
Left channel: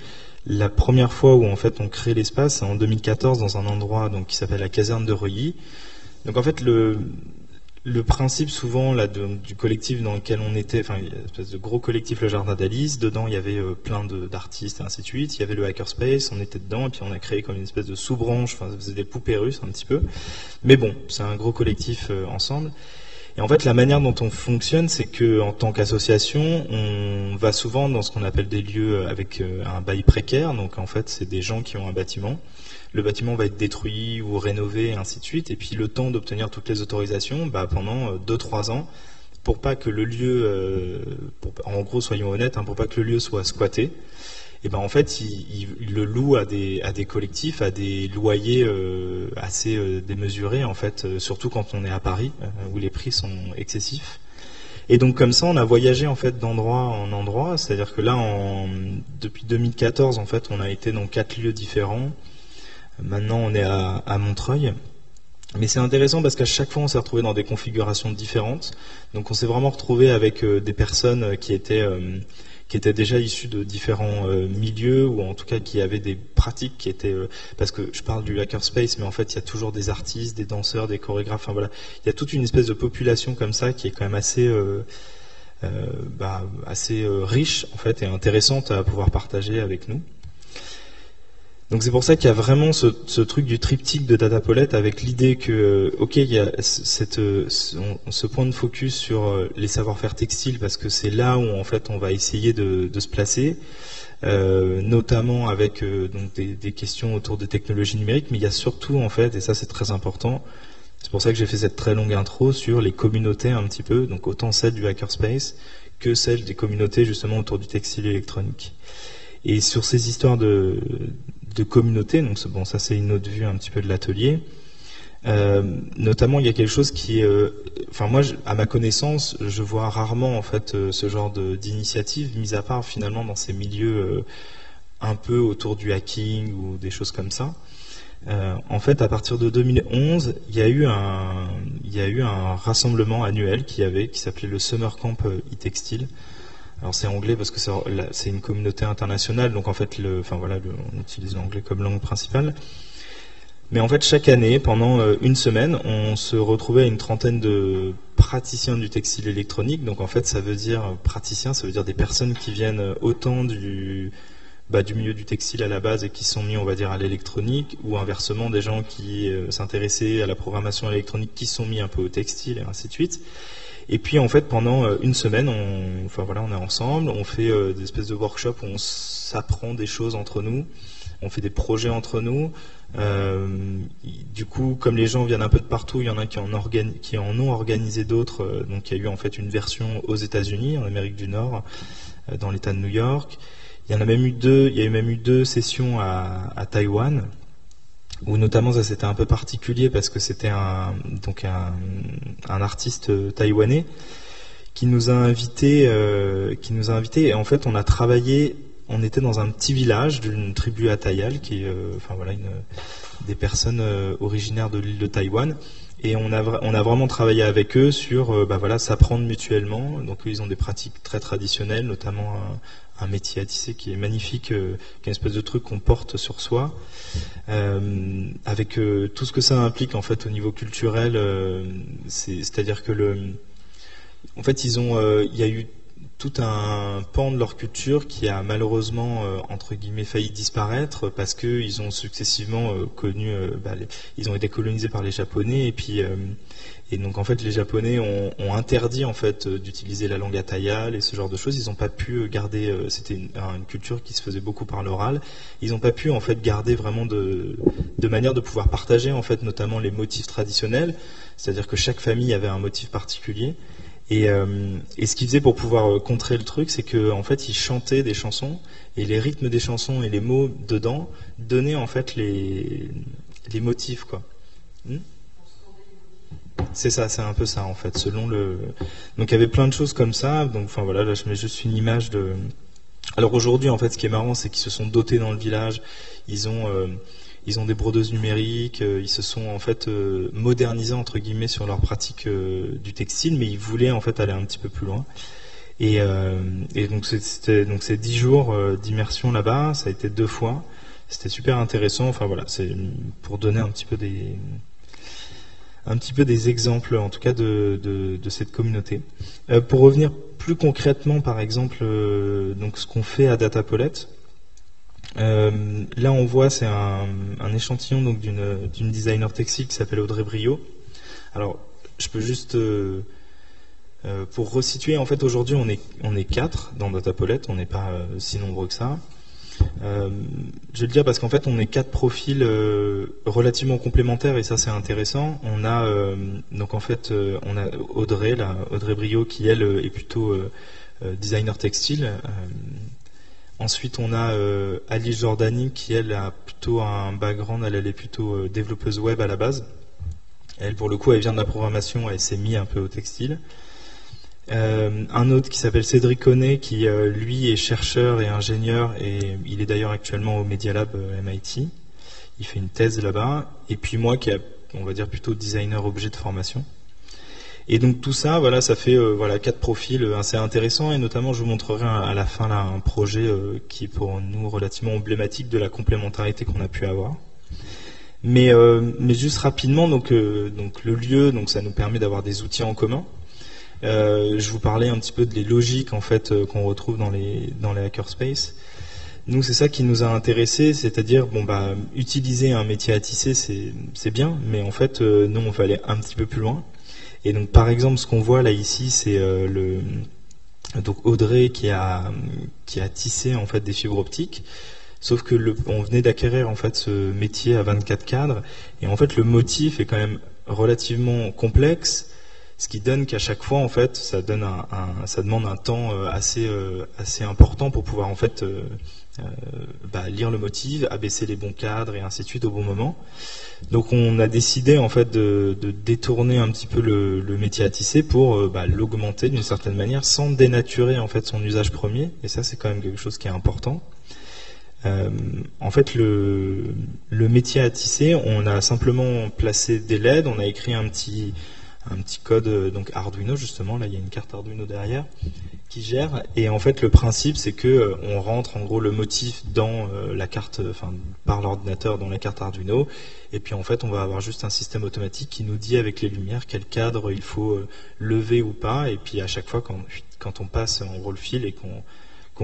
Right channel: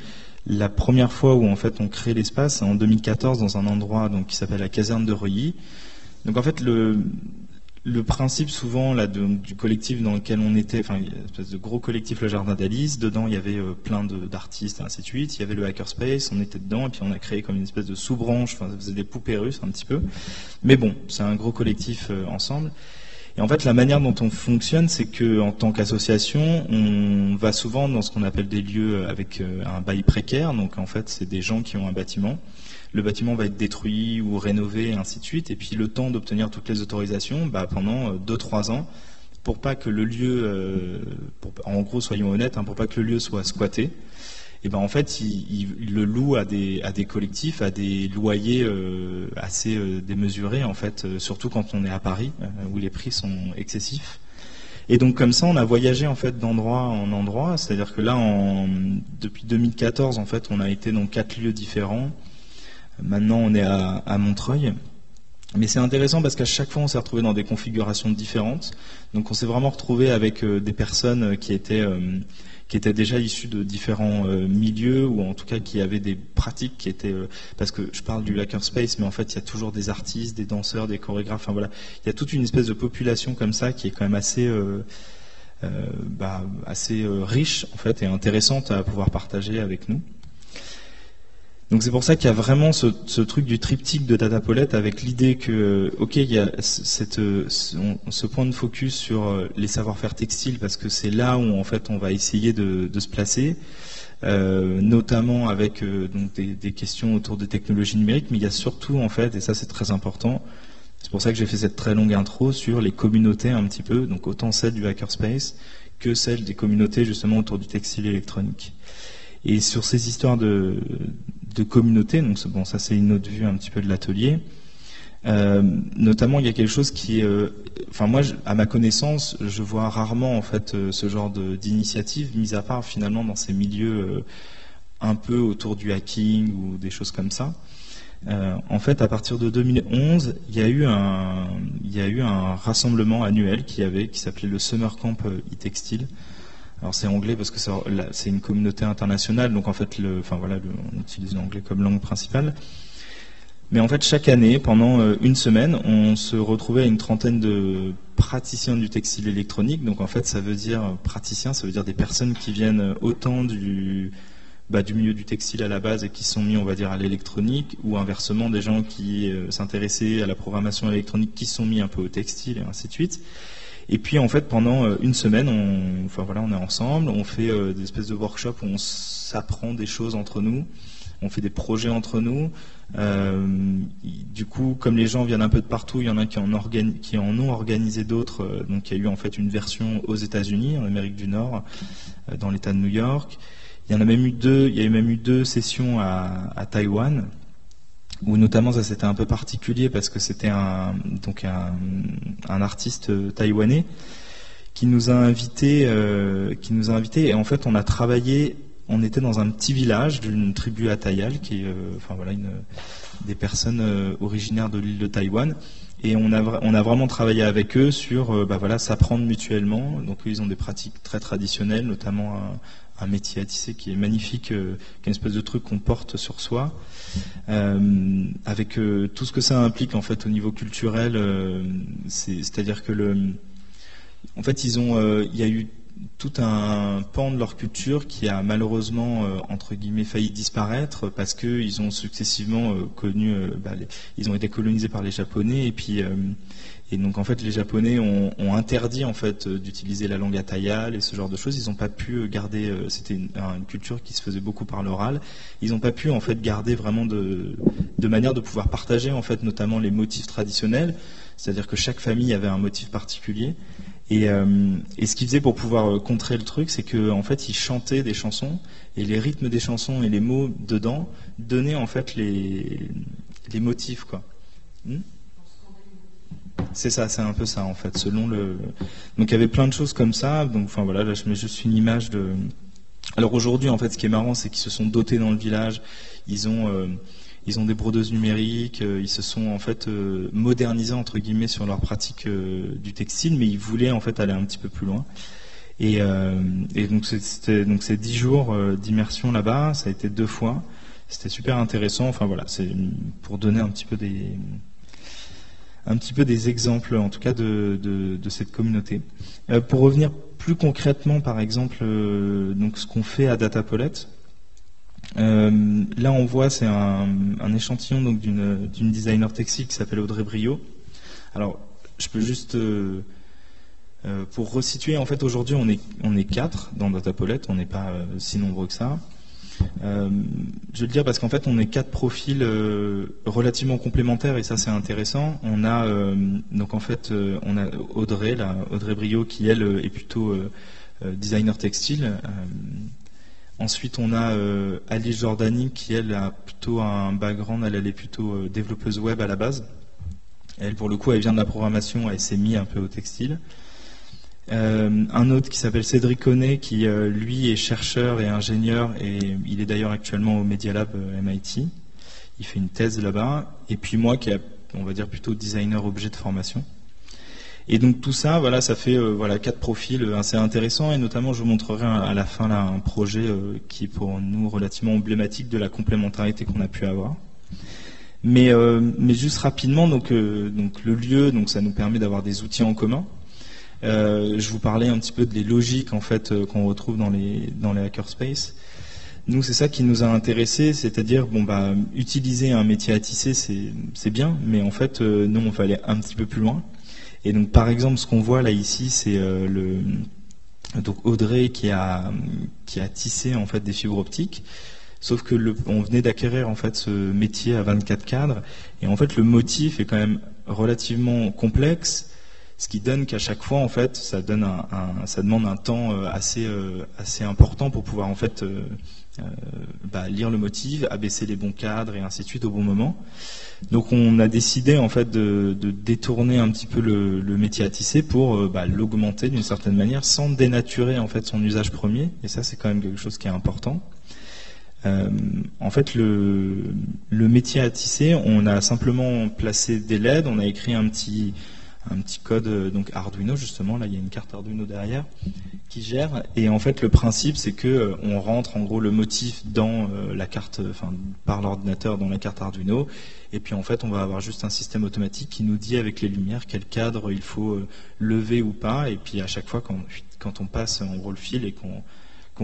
la première fois où en fait on crée l'espace, c'est en 2014 dans un endroit donc qui s'appelle la caserne de Reuilly. Donc en fait le principe souvent là du collectif dans lequel on était, enfin une espèce de gros collectif le Jardin d'Alice, dedans il y avait plein d'artistes et ainsi de suite. Il y avait le hackerspace, on était dedans et puis on a créé comme une espèce de sous-branche, enfin ça faisait des poupées russes un petit peu. Mais bon, c'est un gros collectif ensemble. Et en fait, la manière dont on fonctionne, c'est que en tant qu'association, on va souvent dans ce qu'on appelle des lieux avec un bail précaire. Donc en fait, c'est des gens qui ont un bâtiment. Le bâtiment va être détruit ou rénové, et ainsi de suite. Et puis le temps d'obtenir toutes les autorisations, pendant 2-3 ans, pour pas que le lieu, en gros, soyons honnêtes, pour pas que le lieu soit squatté. Et en fait, il le loue à des collectifs, à des loyers assez démesurés, en fait, surtout quand on est à Paris, où les prix sont excessifs. Et donc comme ça, on a voyagé en fait d'endroit en endroit, c'est-à-dire que là, depuis 2014, en fait, on a été dans 4 lieux différents. Maintenant, on est à Montreuil. Mais c'est intéressant parce qu'à chaque fois, on s'est retrouvé dans des configurations différentes. Donc on s'est vraiment retrouvé avec des personnes qui étaient déjà issus de différents milieux, ou en tout cas qui avaient des pratiques qui étaient... parce que je parle du hackerspace, mais en fait, il y a toujours des artistes, des danseurs, des chorégraphes, enfin voilà. Il y a toute une espèce de population comme ça qui est quand même assez riche, en fait, et intéressante à pouvoir partager avec nous. Donc c'est pour ça qu'il y a vraiment ce truc du triptyque de Datapolet avec l'idée que, ok, il y a ce point de focus sur les savoir-faire textiles parce que c'est là où en fait on va essayer de se placer, notamment avec donc des questions autour des technologies numériques, mais il y a surtout en fait, et ça c'est très important, c'est pour ça que j'ai fait cette très longue intro sur les communautés un petit peu, donc autant celle du hackerspace que celle des communautés justement autour du textile électronique. Et sur ces histoires de communauté, donc bon, ça c'est une autre vue un petit peu de l'atelier. Notamment, il y a quelque chose qui est, enfin moi, à ma connaissance, je vois rarement en fait ce genre d'initiative, mis à part finalement dans ces milieux un peu autour du hacking ou des choses comme ça. En fait, à partir de 2011, il y a eu un rassemblement annuel qui s'appelait le Summer Camp e-Textile. Alors c'est anglais parce que c'est une communauté internationale, donc en fait, on utilise l'anglais comme langue principale. Mais en fait, chaque année, pendant une semaine, on se retrouvait à une trentaine de praticiens du textile électronique. Donc en fait, ça veut dire praticiens, ça veut dire des personnes qui viennent autant du milieu du textile à la base et qui sont mis, on va dire, à l'électronique, ou inversement des gens qui s'intéressaient à la programmation électronique qui sont mis un peu au textile et ainsi de suite. Et puis en fait pendant une semaine, on est ensemble, on fait des espèces de workshops où on s'apprend des choses entre nous, on fait des projets entre nous. Du coup, comme les gens viennent un peu de partout, il y en a qui en ont organisé d'autres. Donc il y a eu en fait une version aux États-Unis, en Amérique du Nord, dans l'État de New York. Il y a même eu deux sessions à Taïwan, où notamment ça c'était un peu particulier parce que c'était un artiste taïwanais qui nous a invités et en fait on a travaillé, on était dans un petit village d'une tribu Atayal qui est des personnes originaires de l'île de Taïwan, et on a vraiment travaillé avec eux sur s'apprendre mutuellement. Donc eux, ils ont des pratiques très traditionnelles, notamment un métier à tisser qui est magnifique, qui est une espèce de truc qu'on porte sur soi, avec tout ce que ça implique en fait au niveau culturel. C'est-à-dire que en fait, il y a eu tout un pan de leur culture qui a malheureusement entre guillemets failli disparaître parce que ils ont successivement ils ont été colonisés par les Japonais, et donc en fait les Japonais ont interdit en fait d'utiliser la langue atayal et ce genre de choses. Ils n'ont pas pu garder, c'était une culture qui se faisait beaucoup par l'oral. Ils n'ont pas pu en fait garder vraiment de manière de pouvoir partager en fait notamment les motifs traditionnels, c'est-à-dire que chaque famille avait un motif particulier. Et ce qu'ils faisaient pour pouvoir contrer le truc, c'est qu'en fait, ils chantaient des chansons, et les rythmes des chansons et les mots dedans donnaient en fait les motifs, quoi. C'est ça, c'est un peu ça en fait. Donc il y avait plein de choses comme ça. Donc là je mets juste une image de. Alors aujourd'hui en fait, ce qui est marrant, c'est qu'ils se sont dotés dans le village. Ils ont des brodeuses numériques, ils se sont en fait modernisés entre guillemets sur leur pratique du textile, mais ils voulaient en fait aller un petit peu plus loin. Et donc c'est 10 jours d'immersion là-bas, ça a été 2 fois. C'était super intéressant. C'est pour donner un petit peu des exemples en tout cas de cette communauté. Pour revenir plus concrètement, par exemple, donc ce qu'on fait à Datapolet. Là on voit, c'est un échantillon donc d'une designer textile qui s'appelle Audrey Brio. Alors je peux juste pour resituer, en fait aujourd'hui on est 4 dans Datapolet, on n'est pas si nombreux que ça. Je vais le dire parce qu'en fait on est 4 profils relativement complémentaires, et ça c'est intéressant. On a donc en fait on a Audrey Brio qui elle est plutôt designer textile. Ensuite, on a Alice Jordani qui, elle, a plutôt un background, elle est plutôt développeuse web à la base. Elle, pour le coup, elle vient de la programmation, elle s'est mise un peu au textile. Un autre qui s'appelle Cédric Honnet, qui, lui, est chercheur et ingénieur, et il est d'ailleurs actuellement au Media Lab MIT. Il fait une thèse là-bas. Et puis moi, qui est, on va dire, plutôt designer objet de formation. Et donc tout ça, ça fait 4 profils assez intéressants, et notamment je vous montrerai à la fin là un projet qui est pour nous relativement emblématique de la complémentarité qu'on a pu avoir. Mais juste rapidement, donc le lieu, donc ça nous permet d'avoir des outils en commun. Je vous parlais un petit peu des logiques en fait qu'on retrouve dans les hackerspaces. Nous, c'est ça qui nous a intéressés, c'est-à-dire, bon, bah, utiliser un métier à tisser, c'est bien, mais en fait, nous, on va aller un petit peu plus loin. Et donc, par exemple, ce qu'on voit là ici, c'est donc Audrey qui a tissé en fait des fibres optiques. Sauf que on venait d'acquérir en fait ce métier à 24 cadres, et en fait le motif est quand même relativement complexe, ce qui donne qu'à chaque fois en fait ça demande un temps assez important pour pouvoir en fait lire le motif, abaisser les bons cadres et ainsi de suite au bon moment. Donc on a décidé en fait de détourner un petit peu le métier à tisser pour l'augmenter d'une certaine manière sans dénaturer en fait son usage premier, et ça c'est quand même quelque chose qui est important. En fait, le métier à tisser, on a simplement placé des LED, on a écrit un petit code donc Arduino justement. Là, il y a une carte Arduino derrière qui gère. Et en fait, le principe, c'est que on rentre en gros le motif dans la carte, par l'ordinateur dans la carte Arduino. Et puis en fait, on va avoir juste un système automatique qui nous dit avec les lumières quel cadre il faut lever ou pas. Et puis à chaque fois, quand on passe en gros le fil et qu'on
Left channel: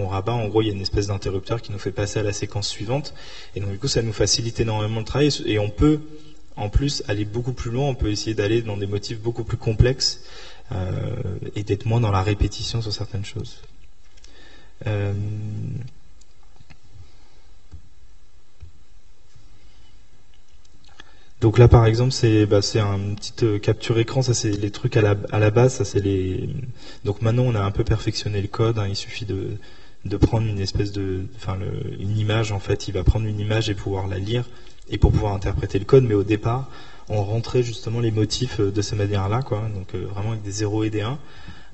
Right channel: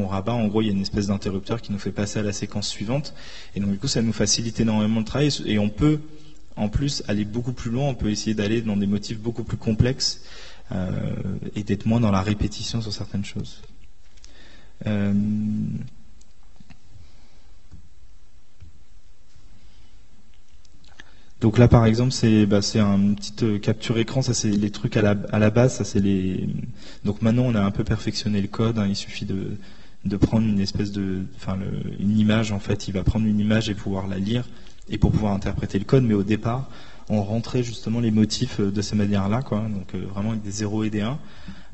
rabat, en gros il y a une espèce d'interrupteur qui nous fait passer à la séquence suivante, et donc du coup ça nous facilite énormément le travail, et on peut en plus aller beaucoup plus loin, on peut essayer d'aller dans des motifs beaucoup plus complexes et d'être moins dans la répétition sur certaines choses. Donc là par exemple c'est un petit capture écran, ça c'est les trucs à la base, ça c'est les. Donc maintenant on a un peu perfectionné le code, il suffit de prendre une espèce une image en fait, il va prendre une image et pouvoir la lire et pour pouvoir interpréter le code, mais au départ on rentrait justement les motifs de cette manière-là, quoi. Donc vraiment avec des 0 et des 1,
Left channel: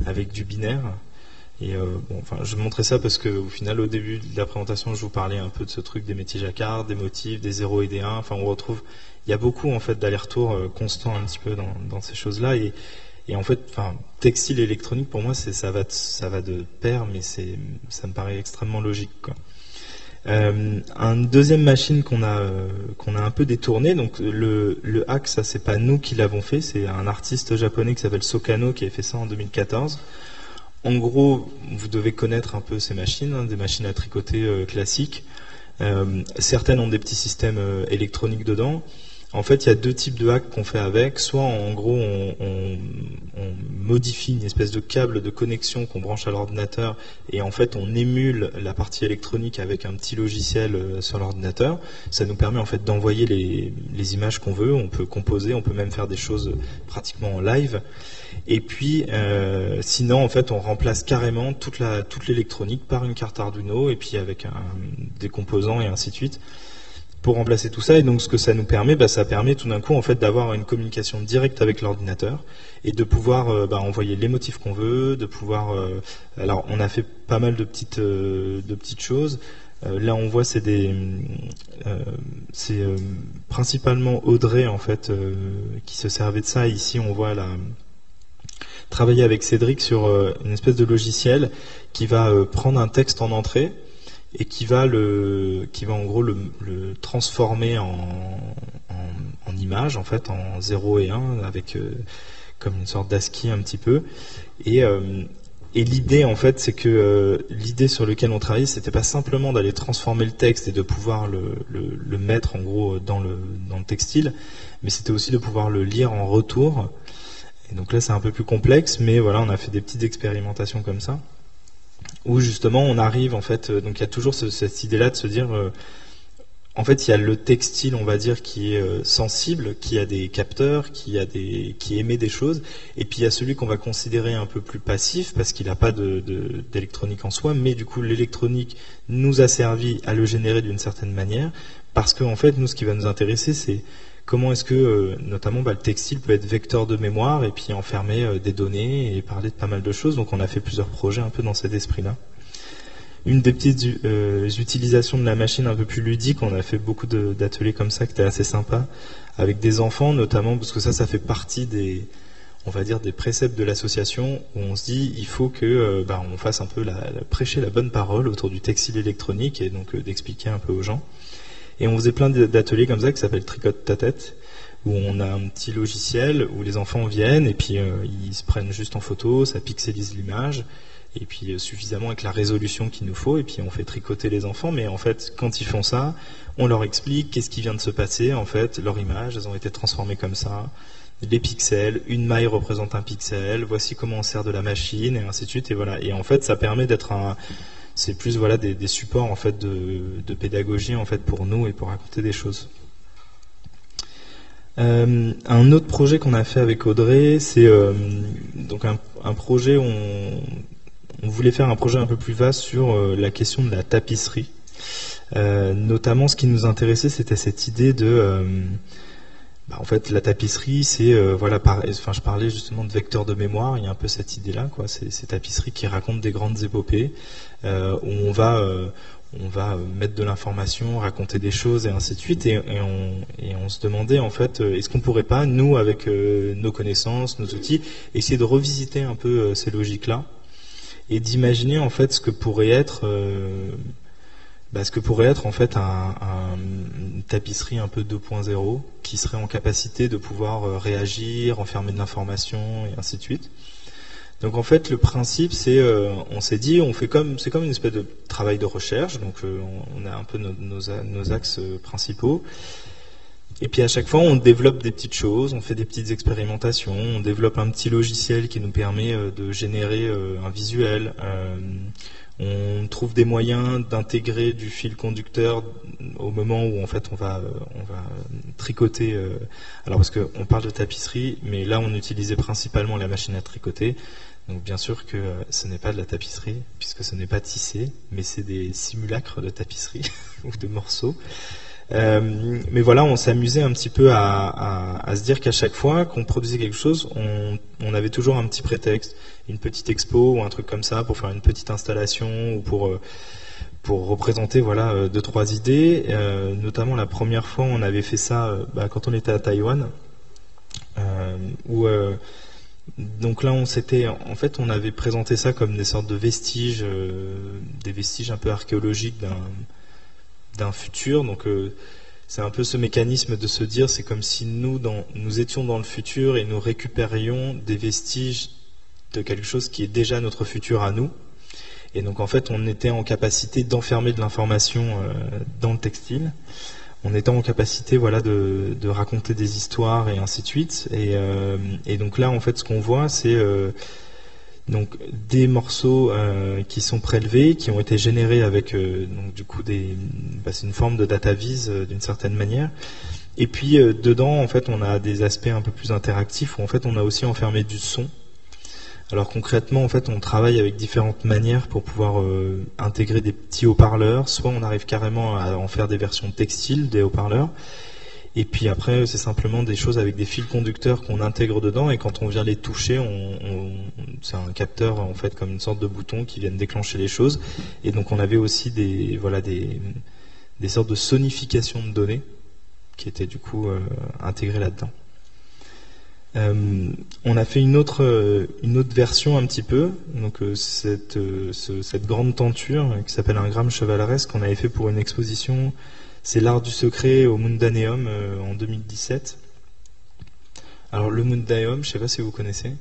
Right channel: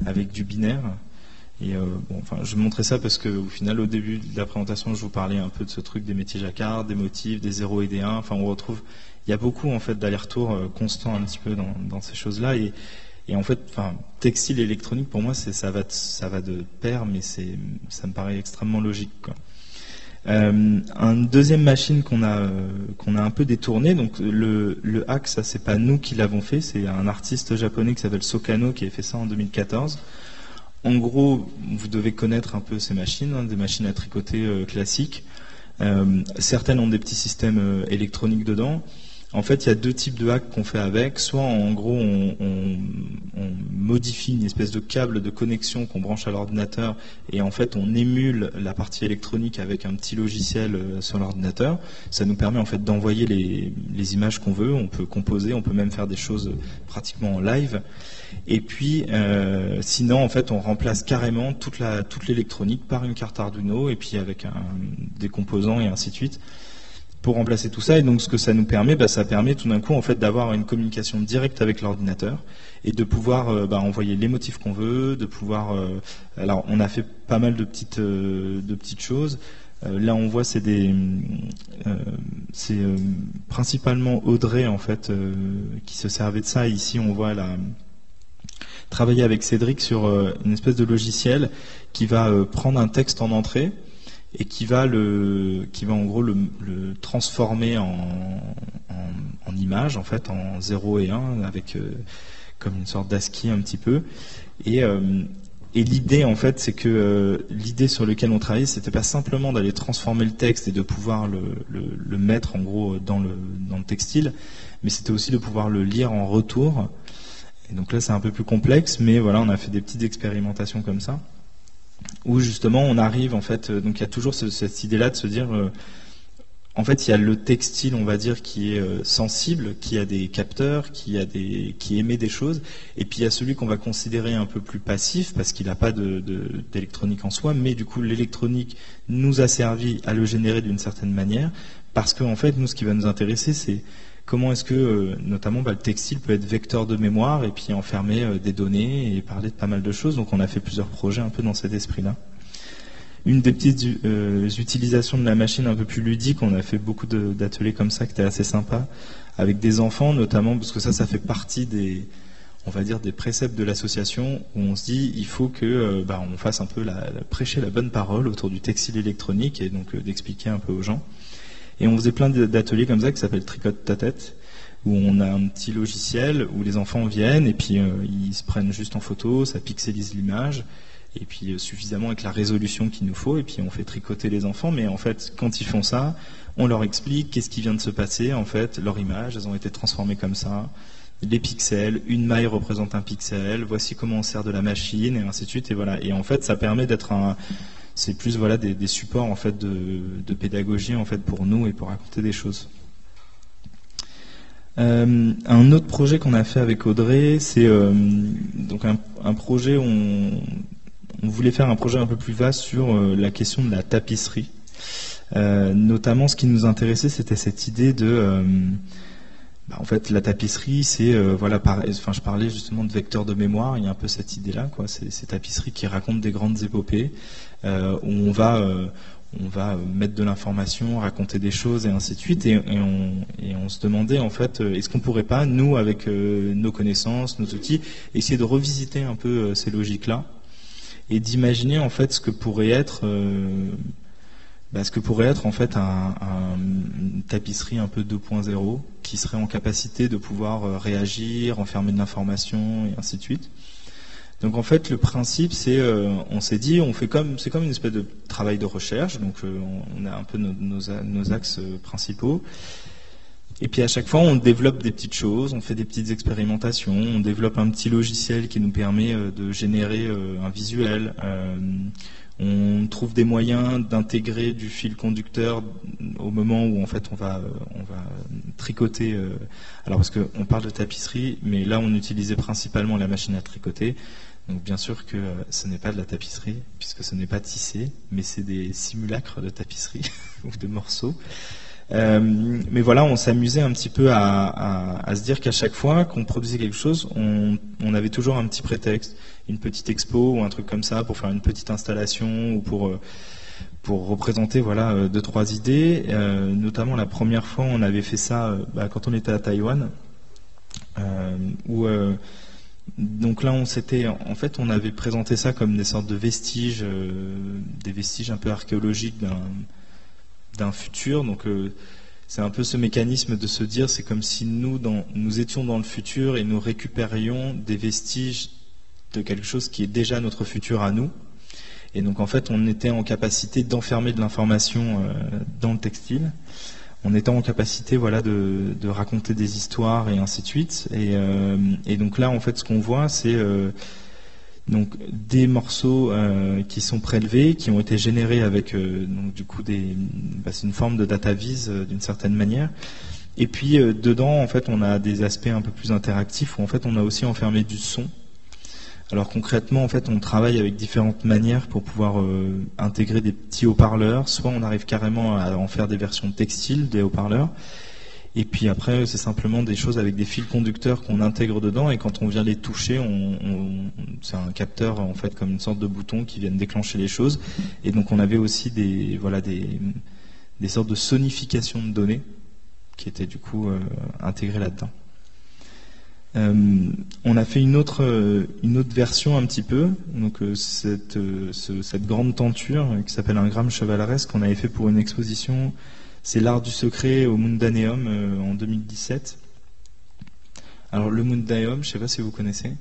avec du binaire. Et je montrais ça parce que au final, au début de la présentation, je vous parlais un peu de ce truc des métiers jacquard, des motifs, des 0 et des 1. Enfin, on retrouve, il y a beaucoup en fait d'allers-retours constants un petit peu dans ces choses-là. Et en fait, textile et électronique, pour moi, ça va de pair, mais ça me paraît extrêmement logique, quoi. Une deuxième machine qu'on a un peu détournée, donc le hack, ça c'est pas nous qui l'avons fait, c'est un artiste japonais qui s'appelle Sokano qui a fait ça en 2014. En gros, vous devez connaître un peu ces machines, des machines à tricoter classiques. Certaines ont des petits systèmes électroniques dedans. En fait, il y a deux types de hacks qu'on fait avec. Soit, en gros, on modifie une espèce de câble de connexion qu'on branche à l'ordinateur et en fait, on émule la partie électronique avec un petit logiciel sur l'ordinateur. Ça nous permet en fait d'envoyer les images qu'on veut. On peut composer, on peut même faire des choses pratiquement en live. Et puis, sinon, en fait, on remplace carrément toute l'électronique par une carte Arduino et puis avec des composants et ainsi de suite, pour remplacer tout ça. Et donc ce que ça nous permet, ça permet tout d'un coup en fait d'avoir une communication directe avec l'ordinateur et de pouvoir envoyer les motifs qu'on veut, de pouvoir alors on a fait pas mal de petites choses. Là on voit c'est principalement Audrey en fait qui se servait de ça. Ici on voit travailler avec Cédric sur une espèce de logiciel qui va prendre un texte en entrée et qui va en gros le transformer en image en fait, en 0 et 1 avec comme une sorte d'ASCII un petit peu. Et l'idée en fait, c'est que l'idée sur laquelle on travaillait, c'était pas simplement d'aller transformer le texte et de pouvoir le mettre en gros dans le textile, mais c'était aussi de pouvoir le lire en retour. Et donc là c'est un peu plus complexe, mais voilà, on a fait des petites expérimentations comme ça, où justement on arrive en fait, donc il y a toujours cette idée-là de se dire, en fait il y a le textile, on va dire, qui est sensible, qui a des capteurs, qui émet des choses, et puis il y a celui qu'on va considérer un peu plus passif parce qu'il n'a pas d'électronique en soi, mais du coup l'électronique nous a servi à le générer d'une certaine manière, parce qu'en fait nous ce qui va nous intéresser c'est comment est-ce que, notamment, le textile peut être vecteur de mémoire et puis enfermer des données et parler de pas mal de choses. Donc on a fait plusieurs projets un peu dans cet esprit-là. Une des petites utilisations de la machine un peu plus ludique, on a fait beaucoup d'ateliers comme ça qui étaient assez sympas, avec des enfants notamment, parce que ça fait partie on va dire, des préceptes de l'association, où on se dit il faut que on fasse un peu prêcher la bonne parole autour du textile électronique et donc d'expliquer un peu aux gens. Et on faisait plein d'ateliers comme ça qui s'appellent Tricote ta tête, où on a un petit logiciel où les enfants viennent et puis ils se prennent juste en photo, ça pixelise l'image, et puis suffisamment avec la résolution qu'il nous faut, et puis on fait tricoter les enfants. Mais en fait, quand ils font ça, on leur explique qu'est-ce qui vient de se passer. En fait, leur image, elles ont été transformées comme ça. Les pixels, une maille représente un pixel, voici comment on sert de la machine, et ainsi de suite. Et voilà. Et en fait, ça permet d'être c'est plus voilà des supports en fait de pédagogie en fait pour nous et pour raconter des choses. Un autre projet qu'on a fait avec Audrey, c'est donc un projet où on voulait faire un projet un peu plus vaste sur la question de la tapisserie. Notamment, ce qui nous intéressait, c'était cette idée de en fait, la tapisserie, c'est voilà, je parlais justement de vecteur de mémoire. Il y a un peu cette idée-là, quoi. C'est ces tapisseries qui racontent des grandes épopées où on va mettre de l'information, raconter des choses et ainsi de suite. Et on se demandait en fait, est-ce qu'on pourrait pas, nous, avec nos connaissances, nos outils, essayer de revisiter un peu ces logiques-là et d'imaginer en fait ce que pourrait être en fait une tapisserie un peu 2.0 qui serait en capacité de pouvoir réagir, enfermer de l'information et ainsi de suite. Donc en fait le principe c'est, on s'est dit, c'est comme une espèce de travail de recherche, donc on a un peu nos axes principaux. Et puis à chaque fois on développe des petites choses, on fait des petites expérimentations, on développe un petit logiciel qui nous permet de générer un visuel. On trouve des moyens d'intégrer du fil conducteur au moment où en fait on va tricoter. Alors parce qu'on parle de tapisserie, mais là on utilisait principalement la machine à tricoter. Donc bien sûr que ce n'est pas de la tapisserie puisque ce n'est pas tissé, mais c'est des simulacres de tapisserie ou de morceaux. Mais voilà, on s'amusait un petit peu à se dire qu'à chaque fois qu'on produisait quelque chose, on avait toujours un petit prétexte, une petite expo ou un truc comme ça pour faire une petite installation ou pour représenter voilà 2-3 idées. Notamment la première fois, on avait fait ça quand on était à Taïwan, où donc là on avait présenté ça comme des sortes de vestiges, des vestiges un peu archéologiques d'un futur. Donc c'est un peu ce mécanisme de se dire, c'est comme si nous étions dans le futur et nous récupérions des vestiges de quelque chose qui est déjà notre futur à nous. Et donc en fait on était en capacité d'enfermer de l'information dans le textile. On était en capacité voilà de raconter des histoires et ainsi de suite. Et donc là en fait ce qu'on voit c'est donc des morceaux qui sont prélevés, qui ont été générés avec donc du coup c'est une forme de data vise d'une certaine manière. Et puis dedans en fait on a des aspects un peu plus interactifs où en fait on a aussi enfermé du son. Alors concrètement en fait on travaille avec différentes manières pour pouvoir intégrer des petits haut-parleurs. Soit on arrive carrément à en faire des versions textiles des haut-parleurs. Et puis après, c'est simplement des choses avec des fils conducteurs qu'on intègre dedans, et quand on vient les toucher, c'est un capteur en fait comme une sorte de bouton qui viennent déclencher les choses. Et donc on avait aussi des sortes de sonification de données qui étaient du coup intégrées là-dedans. On a fait une autre version un petit peu, donc cette grande tenture qui s'appelle un gramme chevaleresque qu'on avait fait pour une exposition. C'est l'art du secret au Mundaneum en 2017. Alors le Mundaneum, je ne sais pas si vous connaissez.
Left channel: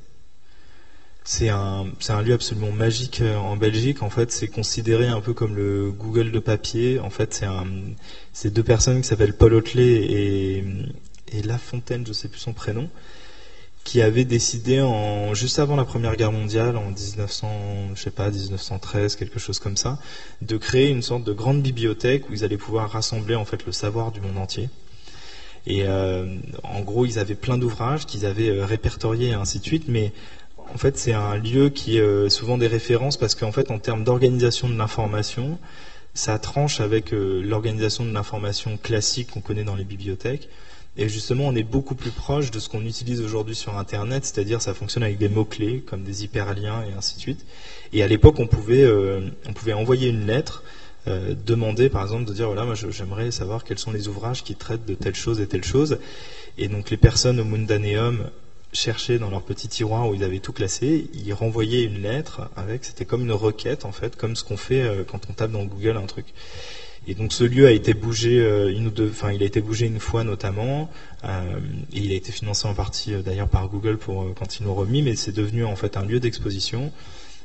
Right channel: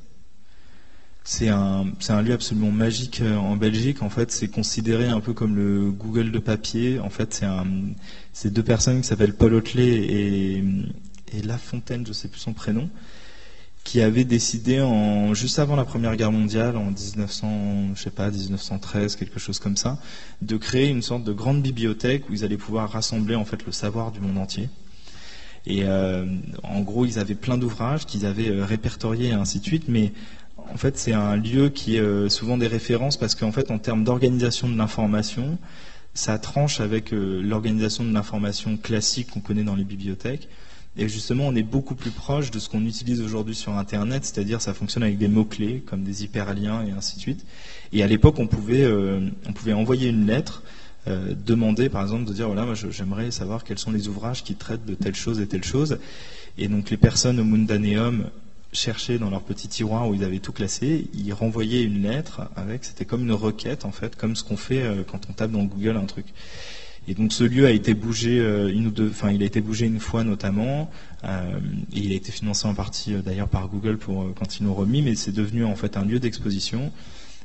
C'est un lieu absolument magique en Belgique. En fait, c'est considéré un peu comme le Google de papier. En fait, c'est deux personnes qui s'appellent Paul Hotelet et La Fontaine, je ne sais plus son prénom, qui avaient décidé juste avant la Première Guerre mondiale, en 1913, quelque chose comme ça, de créer une sorte de grande bibliothèque où ils allaient pouvoir rassembler en fait le savoir du monde entier. Et en gros, ils avaient plein d'ouvrages qu'ils avaient répertoriés et ainsi de suite, mais en fait, c'est un lieu qui est souvent des références parce qu'en fait, en termes d'organisation de l'information, ça tranche avec l'organisation de l'information classique qu'on connaît dans les bibliothèques. Et justement, on est beaucoup plus proche de ce qu'on utilise aujourd'hui sur Internet, c'est-à-dire ça fonctionne avec des mots-clés, comme des hyperliens et ainsi de suite. Et à l'époque, on pouvait envoyer une lettre, demander par exemple de dire voilà, moi j'aimerais savoir quels sont les ouvrages qui traitent de telle chose et telle chose. Et donc les personnes au Mundaneum cherchaient dans leur petit tiroir où ils avaient tout classé, ils renvoyaient une lettre c'était comme une requête en fait, comme ce qu'on fait quand on tape dans Google un truc. Et donc ce lieu a été bougé il a été bougé une fois notamment, et il a été financé en partie d'ailleurs par Google quand ils l'ont remis, mais c'est devenu en fait un lieu d'exposition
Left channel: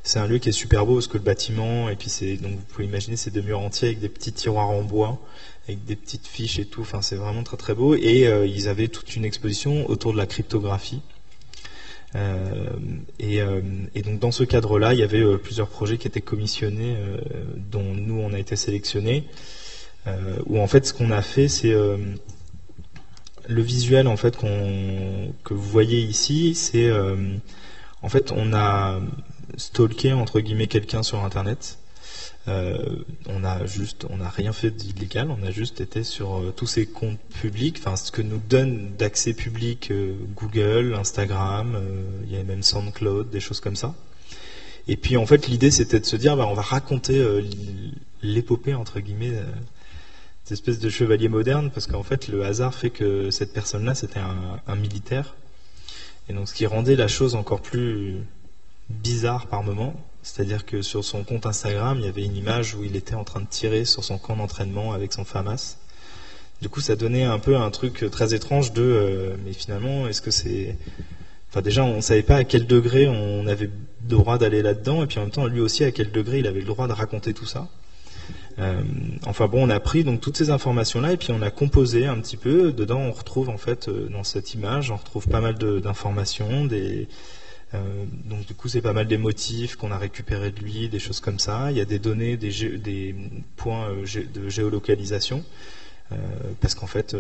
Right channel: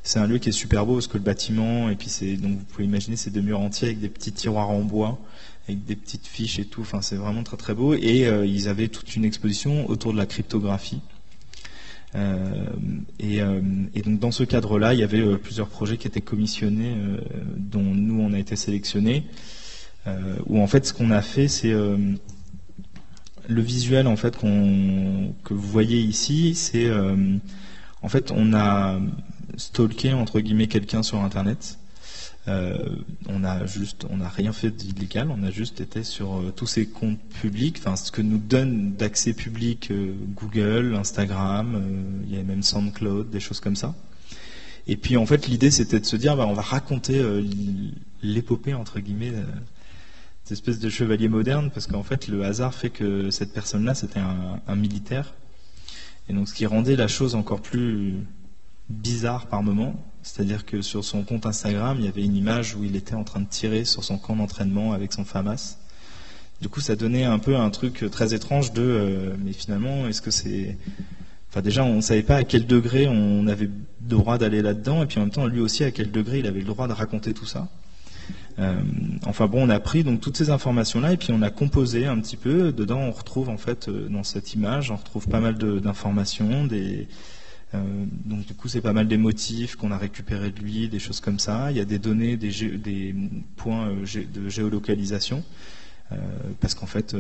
C'est un lieu qui est super beau parce que le bâtiment, et puis donc vous pouvez imaginer ces 2 murs entiers avec des petits tiroirs en bois, avec des petites fiches et tout. Enfin, c'est vraiment très très beau. Et ils avaient toute une exposition autour de la cryptographie. Et donc dans ce cadre-là, il y avait plusieurs projets qui étaient commissionnés, dont nous on a été sélectionnés. Où en fait, ce qu'on a fait, c'est le visuel en fait que vous voyez ici, c'est en fait on a stalké entre guillemets quelqu'un sur Internet. On n'a rien fait d'illégal, on a juste été sur tous ces comptes publics, enfin ce que nous donne d'accès public Google, Instagram, il y a même SoundCloud, des choses comme ça. Et puis en fait l'idée c'était de se dire on va raconter l'épopée entre guillemets cette espèce de chevalier moderne, parce qu'en fait le hasard fait que cette personne-là c'était un militaire, et donc ce qui rendait la chose encore plus bizarre par moment. C'est-à-dire que sur son compte Instagram, il y avait une image où il était en train de tirer sur son camp d'entraînement avec son FAMAS. Du coup, ça donnait un peu un truc très étrange mais finalement, est-ce que c'est... Enfin, déjà, on ne savait pas à quel degré on avait le droit d'aller là-dedans, et puis en même temps, lui aussi, à quel degré il avait le droit de raconter tout ça. Enfin bon, on a pris donc toutes ces informations-là, et puis on a composé un petit peu. Dedans, on retrouve en fait, dans cette image, on retrouve pas mal d'informations, donc du coup c'est pas mal des motifs qu'on a récupérés de lui, des choses comme ça. Il y a des données, des points de géolocalisation, parce qu'en fait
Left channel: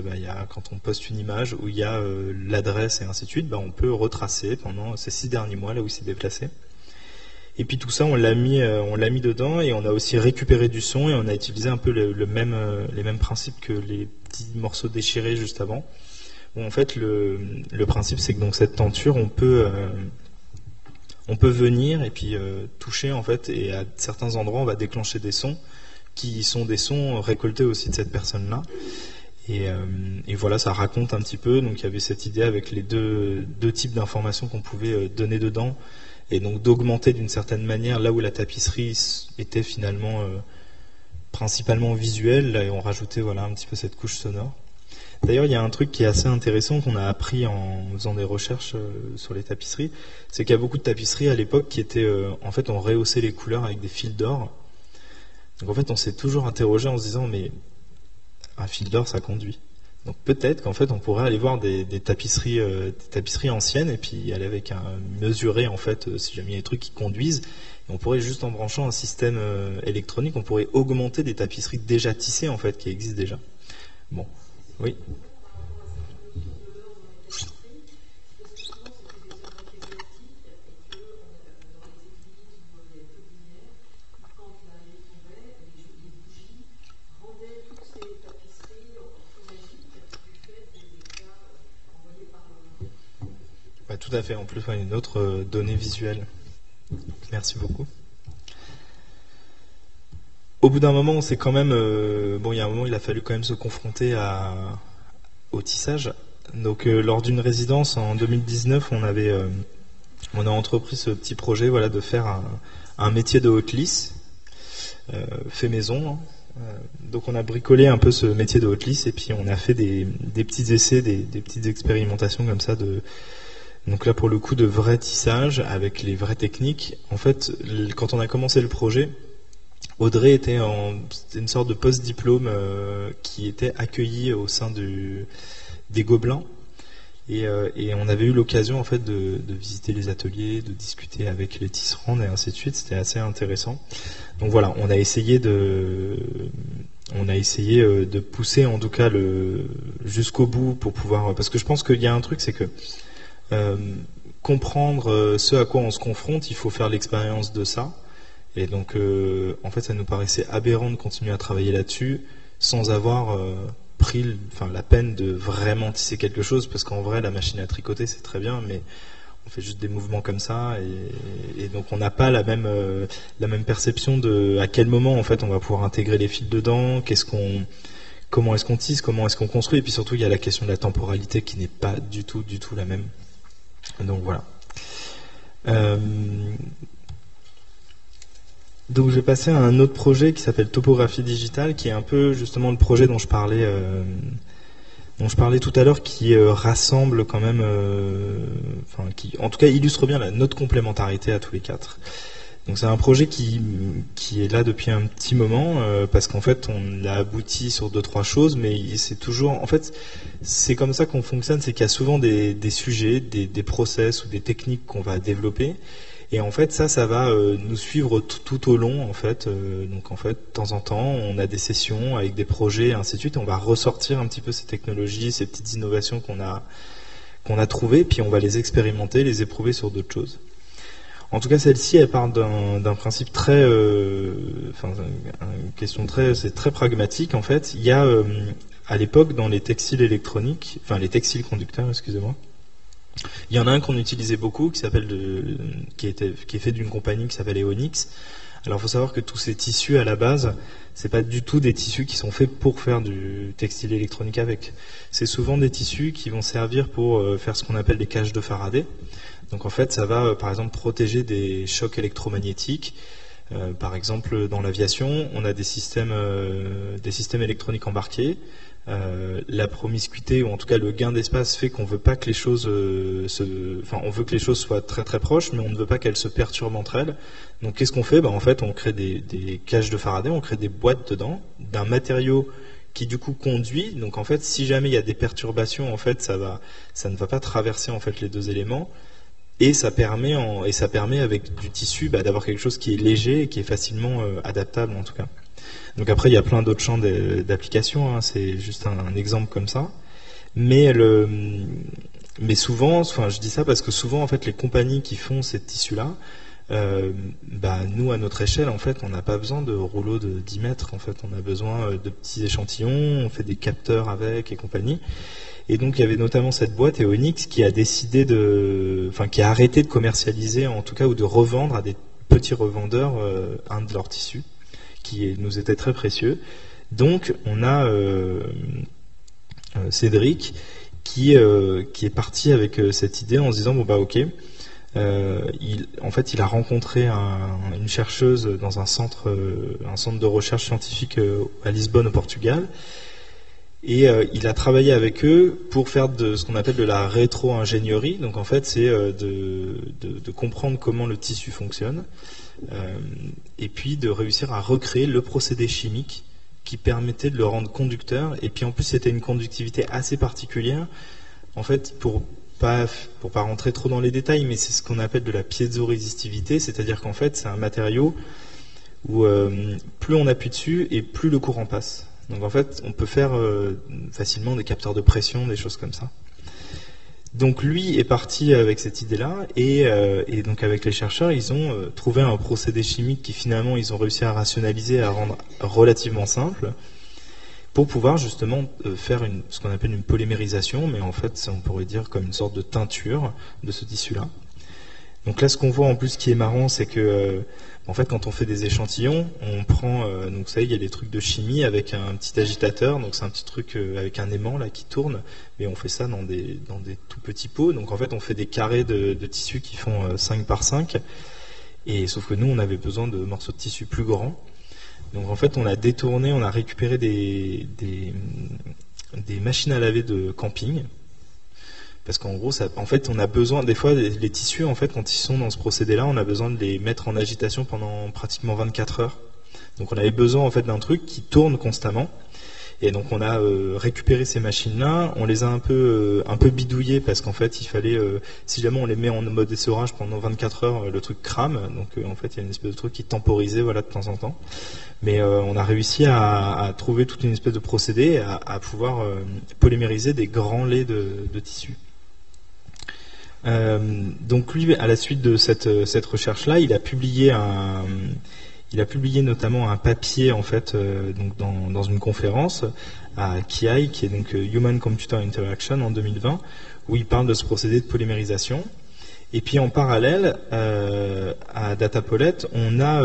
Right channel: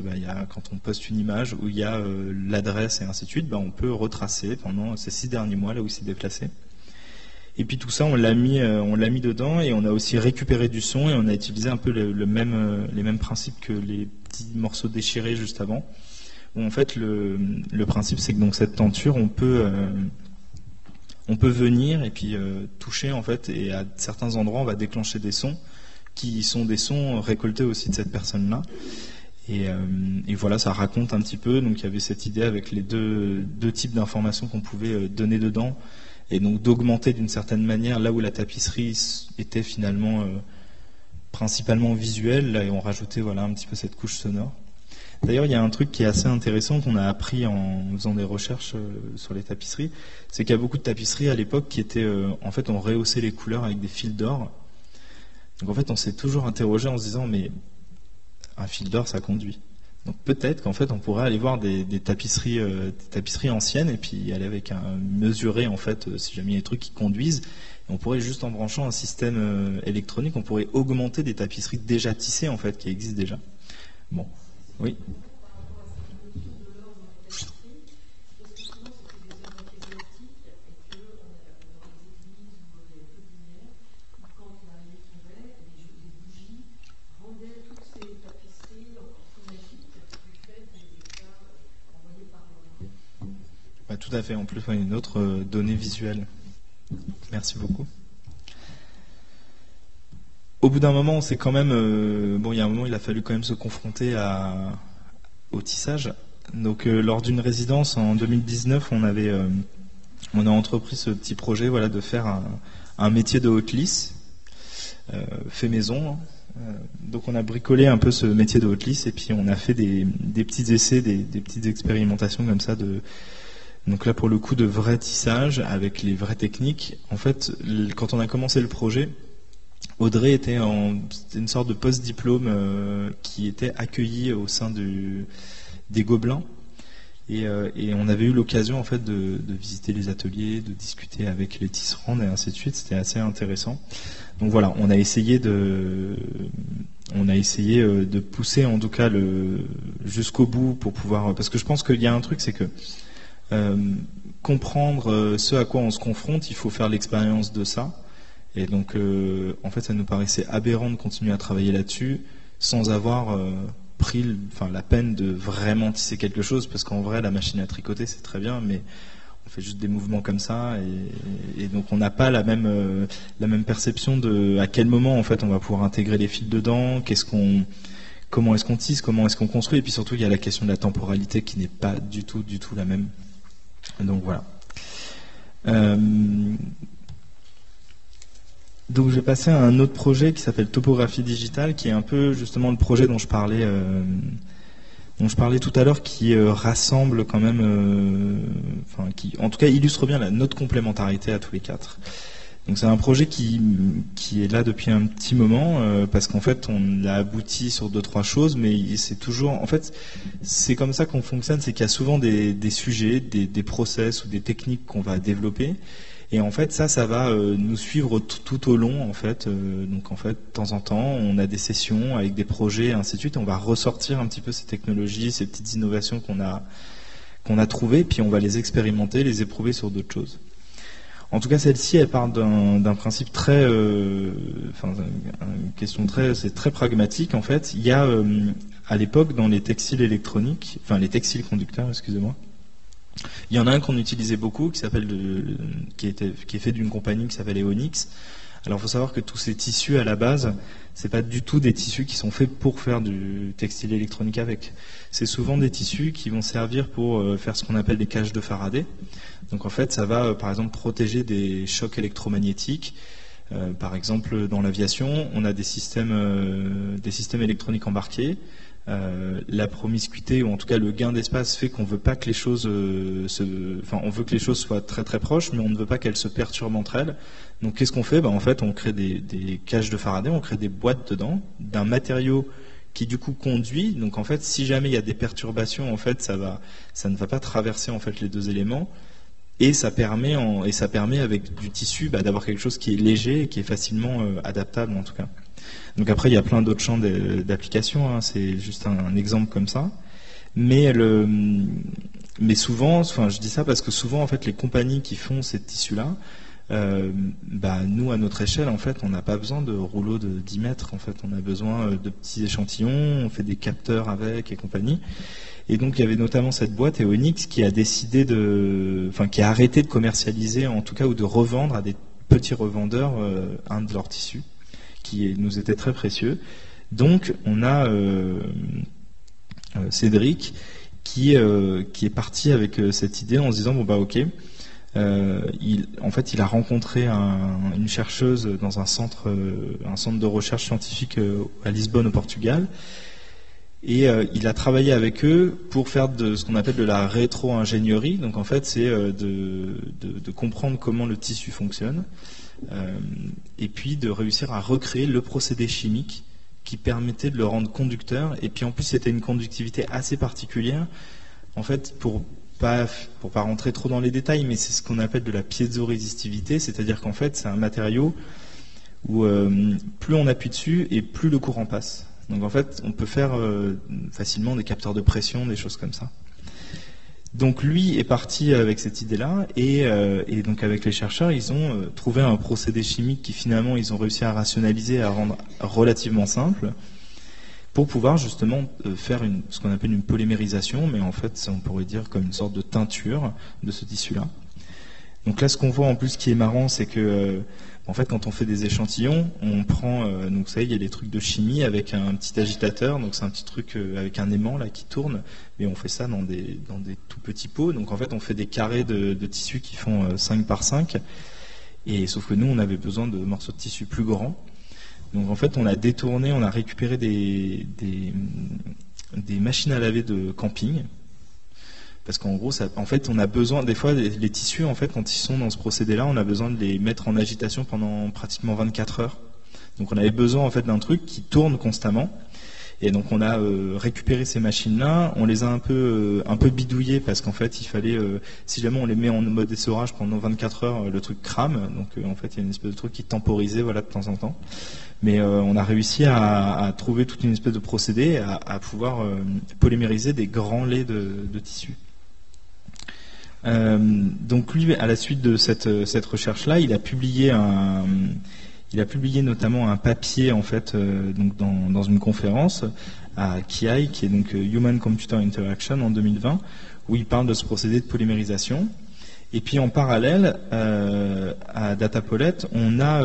quand on poste une image où il y a l'adresse et ainsi de suite, on peut retracer pendant ces 6 derniers mois là où il s'est déplacé. Et puis tout ça on l'a mis dedans, et on a aussi récupéré du son, et on a utilisé un peu les mêmes principes que les petits morceaux déchirés juste avant. Où en fait le principe c'est que donc cette tenture on peut venir et puis toucher en fait, et à certains endroits on va déclencher des sons qui sont des sons récoltés aussi de cette personne-là. Et voilà, ça raconte un petit peu. Donc il y avait cette idée avec les deux types d'informations qu'on pouvait donner dedans, et donc d'augmenter d'une certaine manière là où la tapisserie était finalement principalement visuelle, là, et on rajoutait voilà un petit peu cette couche sonore. D'ailleurs, il y a un truc qui est assez intéressant qu'on a appris en faisant des recherches sur les tapisseries, c'est qu'il y a beaucoup de tapisseries à l'époque qui étaient, en fait, on rehaussait les couleurs avec des fils d'or. Donc en fait, on s'est toujours interrogé en se disant, mais un fil d'or, ça conduit. Donc peut-être qu'en fait, on pourrait aller voir des tapisseries anciennes, et puis aller avec mesurer en fait, si jamais il y a des trucs qui conduisent. Et on pourrait juste en branchant un système électronique, on pourrait augmenter des tapisseries déjà tissées en fait, qui existent déjà. Bon. Oui. Tout à fait. En plus, une autre donnée visuelle. Merci beaucoup. Au bout d'un moment, on s'est quand même... il y a un moment, il a fallu quand même se confronter au tissage. Donc, lors d'une résidence en 2019, on a entrepris ce petit projet, voilà, de faire un métier de haute lisse, fait maison. Donc, on a bricolé un peu ce métier de haute lisse, et puis on a fait des petits essais, des petites expérimentations comme ça donc là, pour le coup, de vrai tissage avec les vraies techniques. En fait, quand on a commencé le projet, Audrey c'était une sorte de post-diplôme qui était accueilli au sein des Gobelins, et on avait eu l'occasion en fait de visiter les ateliers, de discuter avec les tisserandes et ainsi de suite. C'était assez intéressant. Donc voilà, on a essayé de pousser en tout cas jusqu'au bout pour pouvoir, parce que je pense qu'il y a un truc, c'est que comprendre ce à quoi on se confronte, il faut faire l'expérience de ça. Et donc, en fait, ça nous paraissait aberrant de continuer à travailler là-dessus sans avoir pris la peine de vraiment tisser quelque chose, parce qu'en vrai, la machine à tricoter, c'est très bien, mais on fait juste des mouvements comme ça, et donc on n'a pas la même perception de à quel moment, en fait, on va pouvoir intégrer les fils dedans, comment est-ce qu'on tisse, comment est-ce qu'on construit, et puis surtout, il y a la question de la temporalité qui n'est pas du tout la même. Donc voilà. Donc je vais passer à un autre projet qui s'appelle Topographie Digitale, qui est un peu justement le projet dont je parlais tout à l'heure, qui rassemble quand même, qui en tout cas illustre bien notre complémentarité à tous les quatre. Donc c'est un projet qui est là depuis un petit moment, parce qu'en fait on a abouti sur 2-3 choses, mais c'est toujours, en fait c'est comme ça qu'on fonctionne, c'est qu'il y a souvent des sujets, des process ou des techniques qu'on va développer, et en fait ça va nous suivre tout au long en fait. Donc en fait de temps en temps on a des sessions avec des projets et ainsi de suite, et on va ressortir un petit peu ces technologies, ces petites innovations qu'on a trouvées, puis on va les expérimenter, les éprouver sur d'autres choses. En tout cas, celle-ci, elle part d'un principe très, une question c'est très pragmatique en fait. Il y a à l'époque dans les textiles électroniques, enfin les textiles conducteurs, excusez-moi, il y en a un qu'on utilisait beaucoup, qui est fait d'une compagnie qui s'appelle Eonix. Alors, il faut savoir que tous ces tissus à la base, c'est pas du tout des tissus qui sont faits pour faire du textile électronique avec. C'est souvent des tissus qui vont servir pour faire ce qu'on appelle des cages de Faraday. Donc en fait, ça va par exemple protéger des chocs électromagnétiques. Par exemple, dans l'aviation, on a des systèmes électroniques embarqués. La promiscuité, ou en tout cas le gain d'espace, fait qu'on veut pas que les choses on veut que les choses soient très très proches, mais on ne veut pas qu'elles se perturbent entre elles. Donc qu'est-ce qu'on fait ? En fait, on crée des cages de Faraday, on crée des boîtes dedans, d'un matériau qui du coup conduit. Donc en fait, si jamais il y a des perturbations, en fait, ça ne va pas traverser en fait les deux éléments. Et ça permet avec du tissu d'avoir quelque chose qui est léger et qui est facilement adaptable en tout cas. Donc après il y a plein d'autres champs d'application, hein, c'est juste un exemple comme ça. Mais souvent, je dis ça parce que souvent en fait les compagnies qui font ces tissus-là, nous à notre échelle en fait on n'a pas besoin de rouleaux de 10 mètres, en fait on a besoin de petits échantillons, on fait des capteurs avec et compagnie. Et donc il y avait notamment cette boîte Eonix qui a décidé qui a arrêté de commercialiser en tout cas, ou de revendre à des petits revendeurs un de leurs tissus qui nous était très précieux. Donc on a Cédric qui est parti avec cette idée en se disant ok, il a rencontré une chercheuse dans un centre de recherche scientifique à Lisbonne au Portugal. Et il a travaillé avec eux pour faire de ce qu'on appelle de la rétro-ingénierie. Donc en fait, c'est de comprendre comment le tissu fonctionne, et puis de réussir à recréer le procédé chimique qui permettait de le rendre conducteur. Et puis en plus, c'était une conductivité assez particulière. En fait, pour pas rentrer trop dans les détails, mais c'est ce qu'on appelle de la piézorésistivité, c'est-à-dire qu'en fait, c'est un matériau où plus on appuie dessus et plus le courant passe. Donc en fait, on peut faire facilement des capteurs de pression, des choses comme ça. Donc lui est parti avec cette idée-là, et donc avec les chercheurs, ils ont trouvé un procédé chimique qui finalement ils ont réussi à rationaliser, à rendre relativement simple, pour pouvoir justement faire ce qu'on appelle une polymérisation, mais en fait on pourrait dire comme une sorte de teinture de ce tissu-là. Donc là, ce qu'on voit en plus qui est marrant, c'est que en fait, quand on fait des échantillons, on prend, donc vous savez, il y a des trucs de chimie avec un petit agitateur, donc c'est un petit truc avec un aimant là qui tourne, mais on fait ça dans des tout petits pots. Donc en fait, on fait des carrés de tissu qui font 5 par 5, et sauf que nous, on avait besoin de morceaux de tissu plus grands. Donc en fait, on a récupéré des machines à laver de camping. Parce qu'en gros, en fait, on a besoin, des fois, les tissus, en fait, quand ils sont dans ce procédé-là, on a besoin de les mettre en agitation pendant pratiquement 24 heures. Donc on avait besoin, en fait, d'un truc qui tourne constamment. Et donc on a récupéré ces machines-là, on les a un peu bidouillées, parce qu'en fait, il fallait, si jamais on les met en mode essorage pendant 24 heures, le truc crame. Donc en fait, il y a une espèce de truc qui temporisait, voilà, de temps en temps. Mais on a réussi à trouver toute une espèce de procédé, à pouvoir polymériser des grands laits de tissu. Donc lui, à la suite de cette recherche-là, il a publié notamment un papier en fait, donc dans une conférence à KIAI, qui est donc Human Computer Interaction en 2020, où il parle de ce procédé de polymérisation. Et puis en parallèle, à Datapolet, on a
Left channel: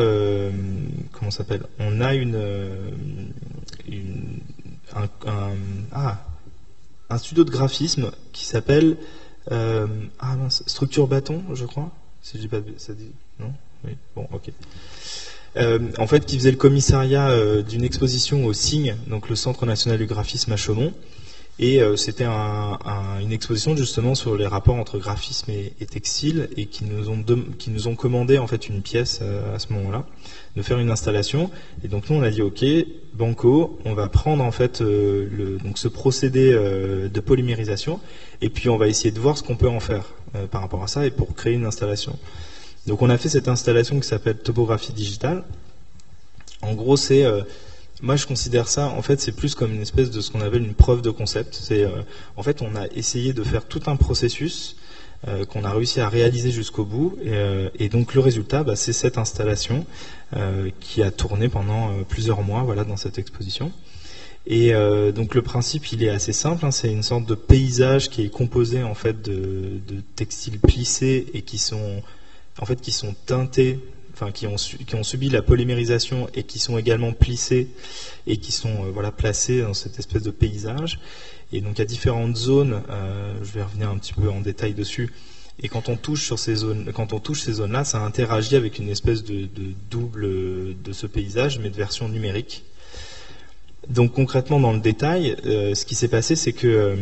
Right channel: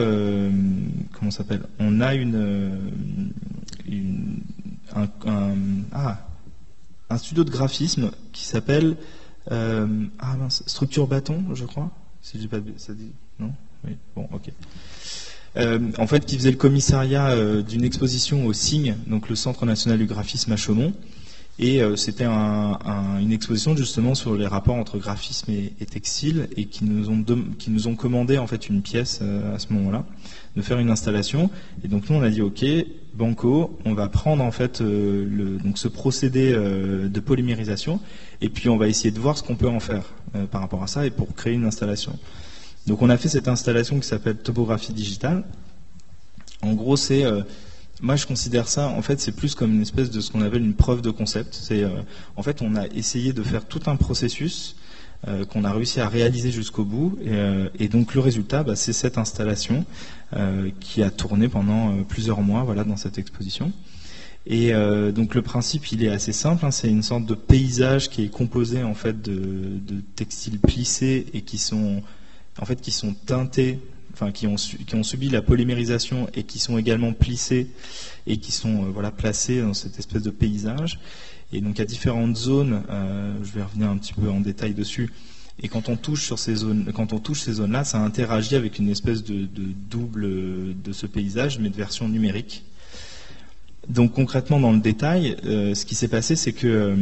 un studio de graphisme qui s'appelle Structure Bâton, je crois. Si j'ai pas, ça dit non. Oui. Bon, ok. En fait, qui faisait le commissariat d'une exposition au CIGN, donc le Centre National du Graphisme à Chaumont. Et c'était une exposition justement sur les rapports entre graphisme et textile, et qui nous ont commandé en fait une pièce à ce moment-là, de faire une installation. Et donc nous on a dit ok, banco, on va prendre en fait donc ce procédé de polymérisation, et puis on va essayer de voir ce qu'on peut en faire par rapport à ça, et pour créer une installation. Donc on a fait cette installation qui s'appelle topographie digitale. En gros c'est moi, je considère ça, en fait, c'est plus comme une espèce de ce qu'on appelle une preuve de concept. C'est, en fait, on a essayé de faire tout un processus qu'on a réussi à réaliser jusqu'au bout. Et donc, le résultat, bah, c'est cette installation qui a tourné pendant plusieurs mois, voilà, dans cette exposition. Et donc, le principe, il est assez simple. Hein, c'est une sorte de paysage qui est composé, en fait, de textiles plissés et qui sont teintés, enfin qui ont subi la polymérisation et qui sont également plissés et qui sont voilà, placés dans cette espèce de paysage. Et donc il y a différentes zones, je vais revenir un petit peu en détail dessus. Et quand on touche sur ces zones, quand on touche ces zones-là, ça interagit avec une espèce de double de ce paysage, mais de version numérique. Donc concrètement dans le détail, ce qui s'est passé, c'est que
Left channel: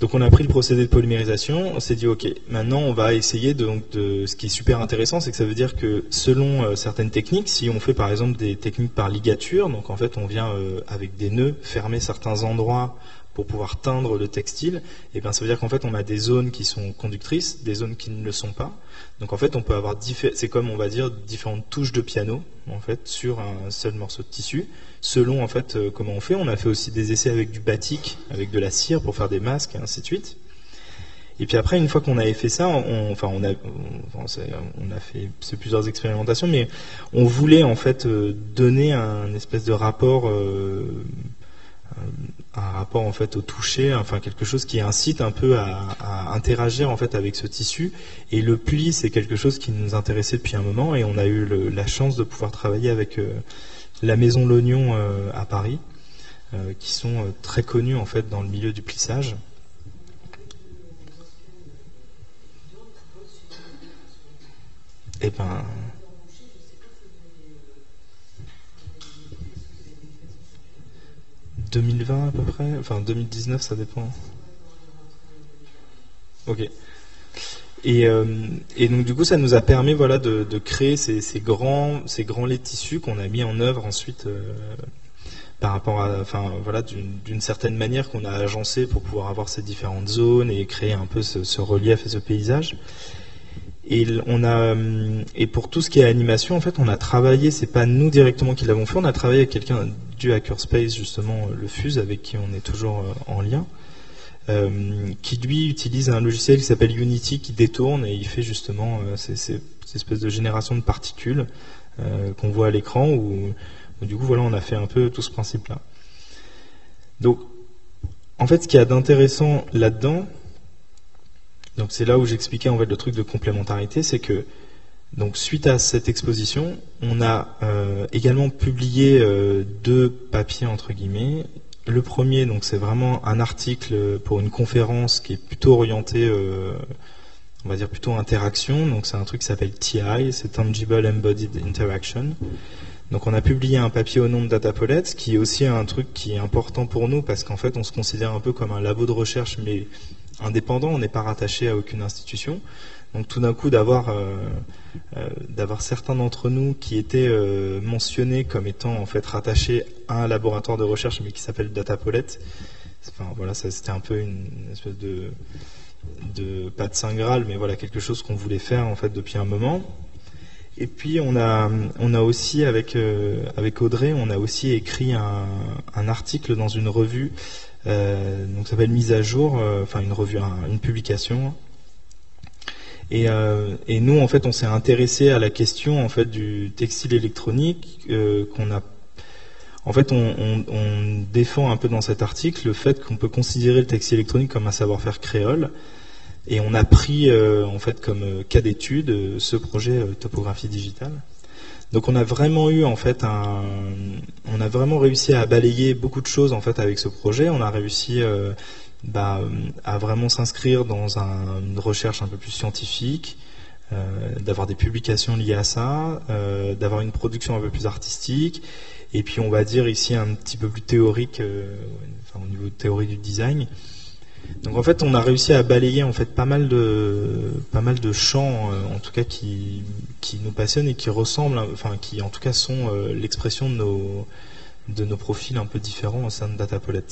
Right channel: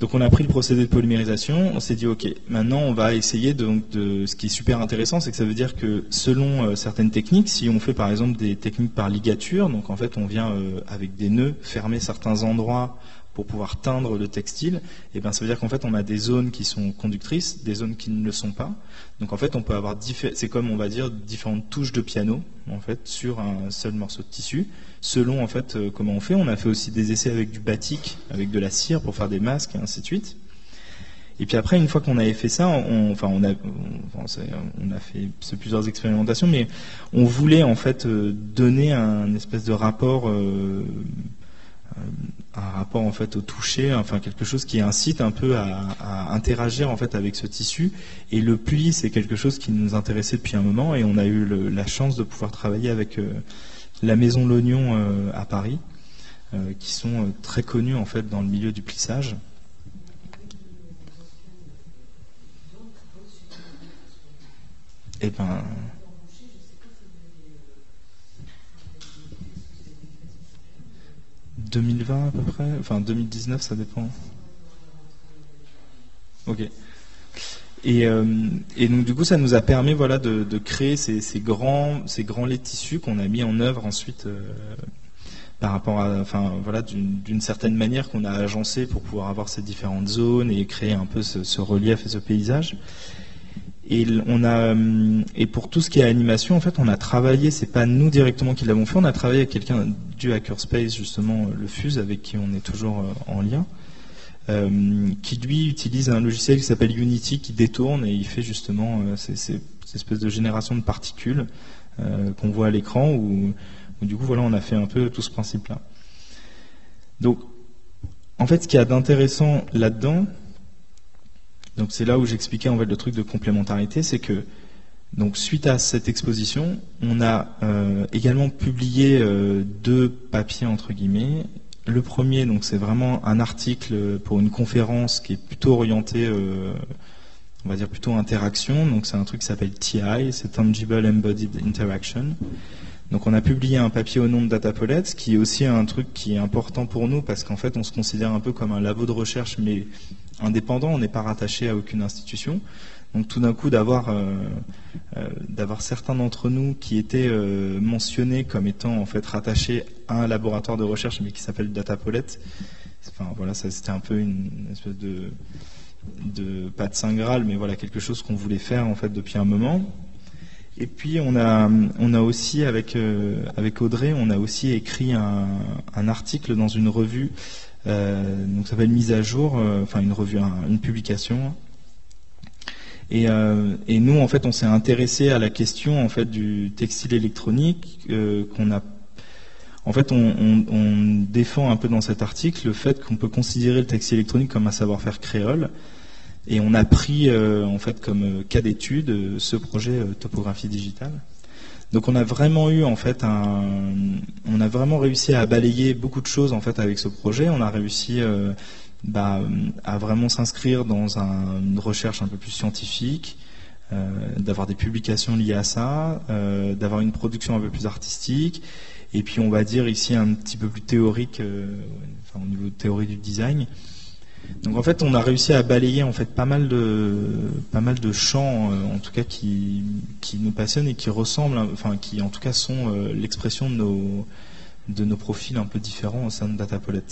donc on a pris le procédé de polymérisation, on s'est dit ok, maintenant on va essayer ce qui est super intéressant, c'est que ça veut dire que selon certaines techniques, si on fait par exemple des techniques par ligature, donc en fait on vient avec des nœuds fermer certains endroits pour pouvoir teindre le textile, et bien ça veut dire qu'en fait on a des zones qui sont conductrices, des zones qui ne le sont pas. Donc en fait on peut avoir c'est comme on va dire différentes touches de piano en fait sur un seul morceau de tissu, selon en fait comment on fait. On a fait aussi des essais avec du batik, avec de la cire pour faire des masques et ainsi de suite. Et puis après, une fois qu'on avait fait ça, on a fait plusieurs expérimentations, mais on voulait en fait donner un espèce de rapport en fait au toucher, enfin quelque chose qui incite un peu à interagir en fait avec ce tissu. Et le pli, c'est quelque chose qui nous intéressait depuis un moment, et on a eu la chance de pouvoir travailler avec la Maison L'Oignon à Paris, qui sont très connus en fait dans le milieu du plissage. Et ben 2020 à peu près, enfin 2019, ça dépend. Ok. Et donc du coup, ça nous a permis voilà de créer ces grands laits de tissu qu'on a mis en œuvre ensuite par rapport à, enfin voilà, d'une certaine manière qu'on a agencé pour pouvoir avoir ces différentes zones et créer un peu ce relief et ce paysage. Et pour tout ce qui est animation, en fait, on a travaillé, c'est pas nous directement qui l'avons fait, on a travaillé avec quelqu'un du Hackerspace, justement, le Fuse, avec qui on est toujours en lien, qui lui utilise un logiciel qui s'appelle Unity, qui détourne, et il fait justement ces espèces de génération de particules qu'on voit à l'écran, où du coup, voilà, on a fait un peu tout ce principe-là. Donc, en fait, ce qu'il y a d'intéressant là-dedans, donc c'est là où j'expliquais en fait le truc de complémentarité, c'est que donc suite à cette exposition, on a également publié 2 papiers entre guillemets. Le premier, donc c'est vraiment un article pour une conférence qui est plutôt orientée, on va dire plutôt interaction. Donc c'est un truc qui s'appelle TI, c'est Tangible Embodied Interaction. Donc on a publié un papier au nom de Datapolet, qui est aussi un truc qui est important pour nous parce qu'en fait on se considère un peu comme un labo de recherche, mais indépendant, on n'est pas rattaché à aucune institution. Donc tout d'un coup d'avoir certains d'entre nous qui étaient mentionnés comme étant en fait rattachés à un laboratoire de recherche mais qui s'appelle Datapolet, enfin voilà, ça c'était un peu une espèce de pas de saint graal, mais voilà quelque chose qu'on voulait faire en fait depuis un moment. Et puis on a aussi avec Audrey, on a aussi écrit un article dans une revue. Donc ça s'appelle Mise à jour, enfin une revue, une publication. Et nous en fait on s'est intéressé à la question en fait du textile électronique qu'on a. En fait on défend un peu dans cet article le fait qu'on peut considérer le textile électronique comme un savoir-faire créole. Et on a pris en fait comme cas d'étude ce projet topographie digitale. Donc on a vraiment eu en fait on a vraiment réussi à balayer beaucoup de choses en fait avec ce projet. On a réussi à vraiment s'inscrire dans une recherche un peu plus scientifique, d'avoir des publications liées à ça, d'avoir une production un peu plus artistique. et puis on va dire ici un petit peu plus théorique, au niveau de théorie du design. Donc en fait, on a réussi à balayer en fait pas mal de champs, en tout cas qui nous passionnent et qui ressemblent, enfin qui en tout cas sont l'expression de nos profils un peu différents au sein de Datapolet.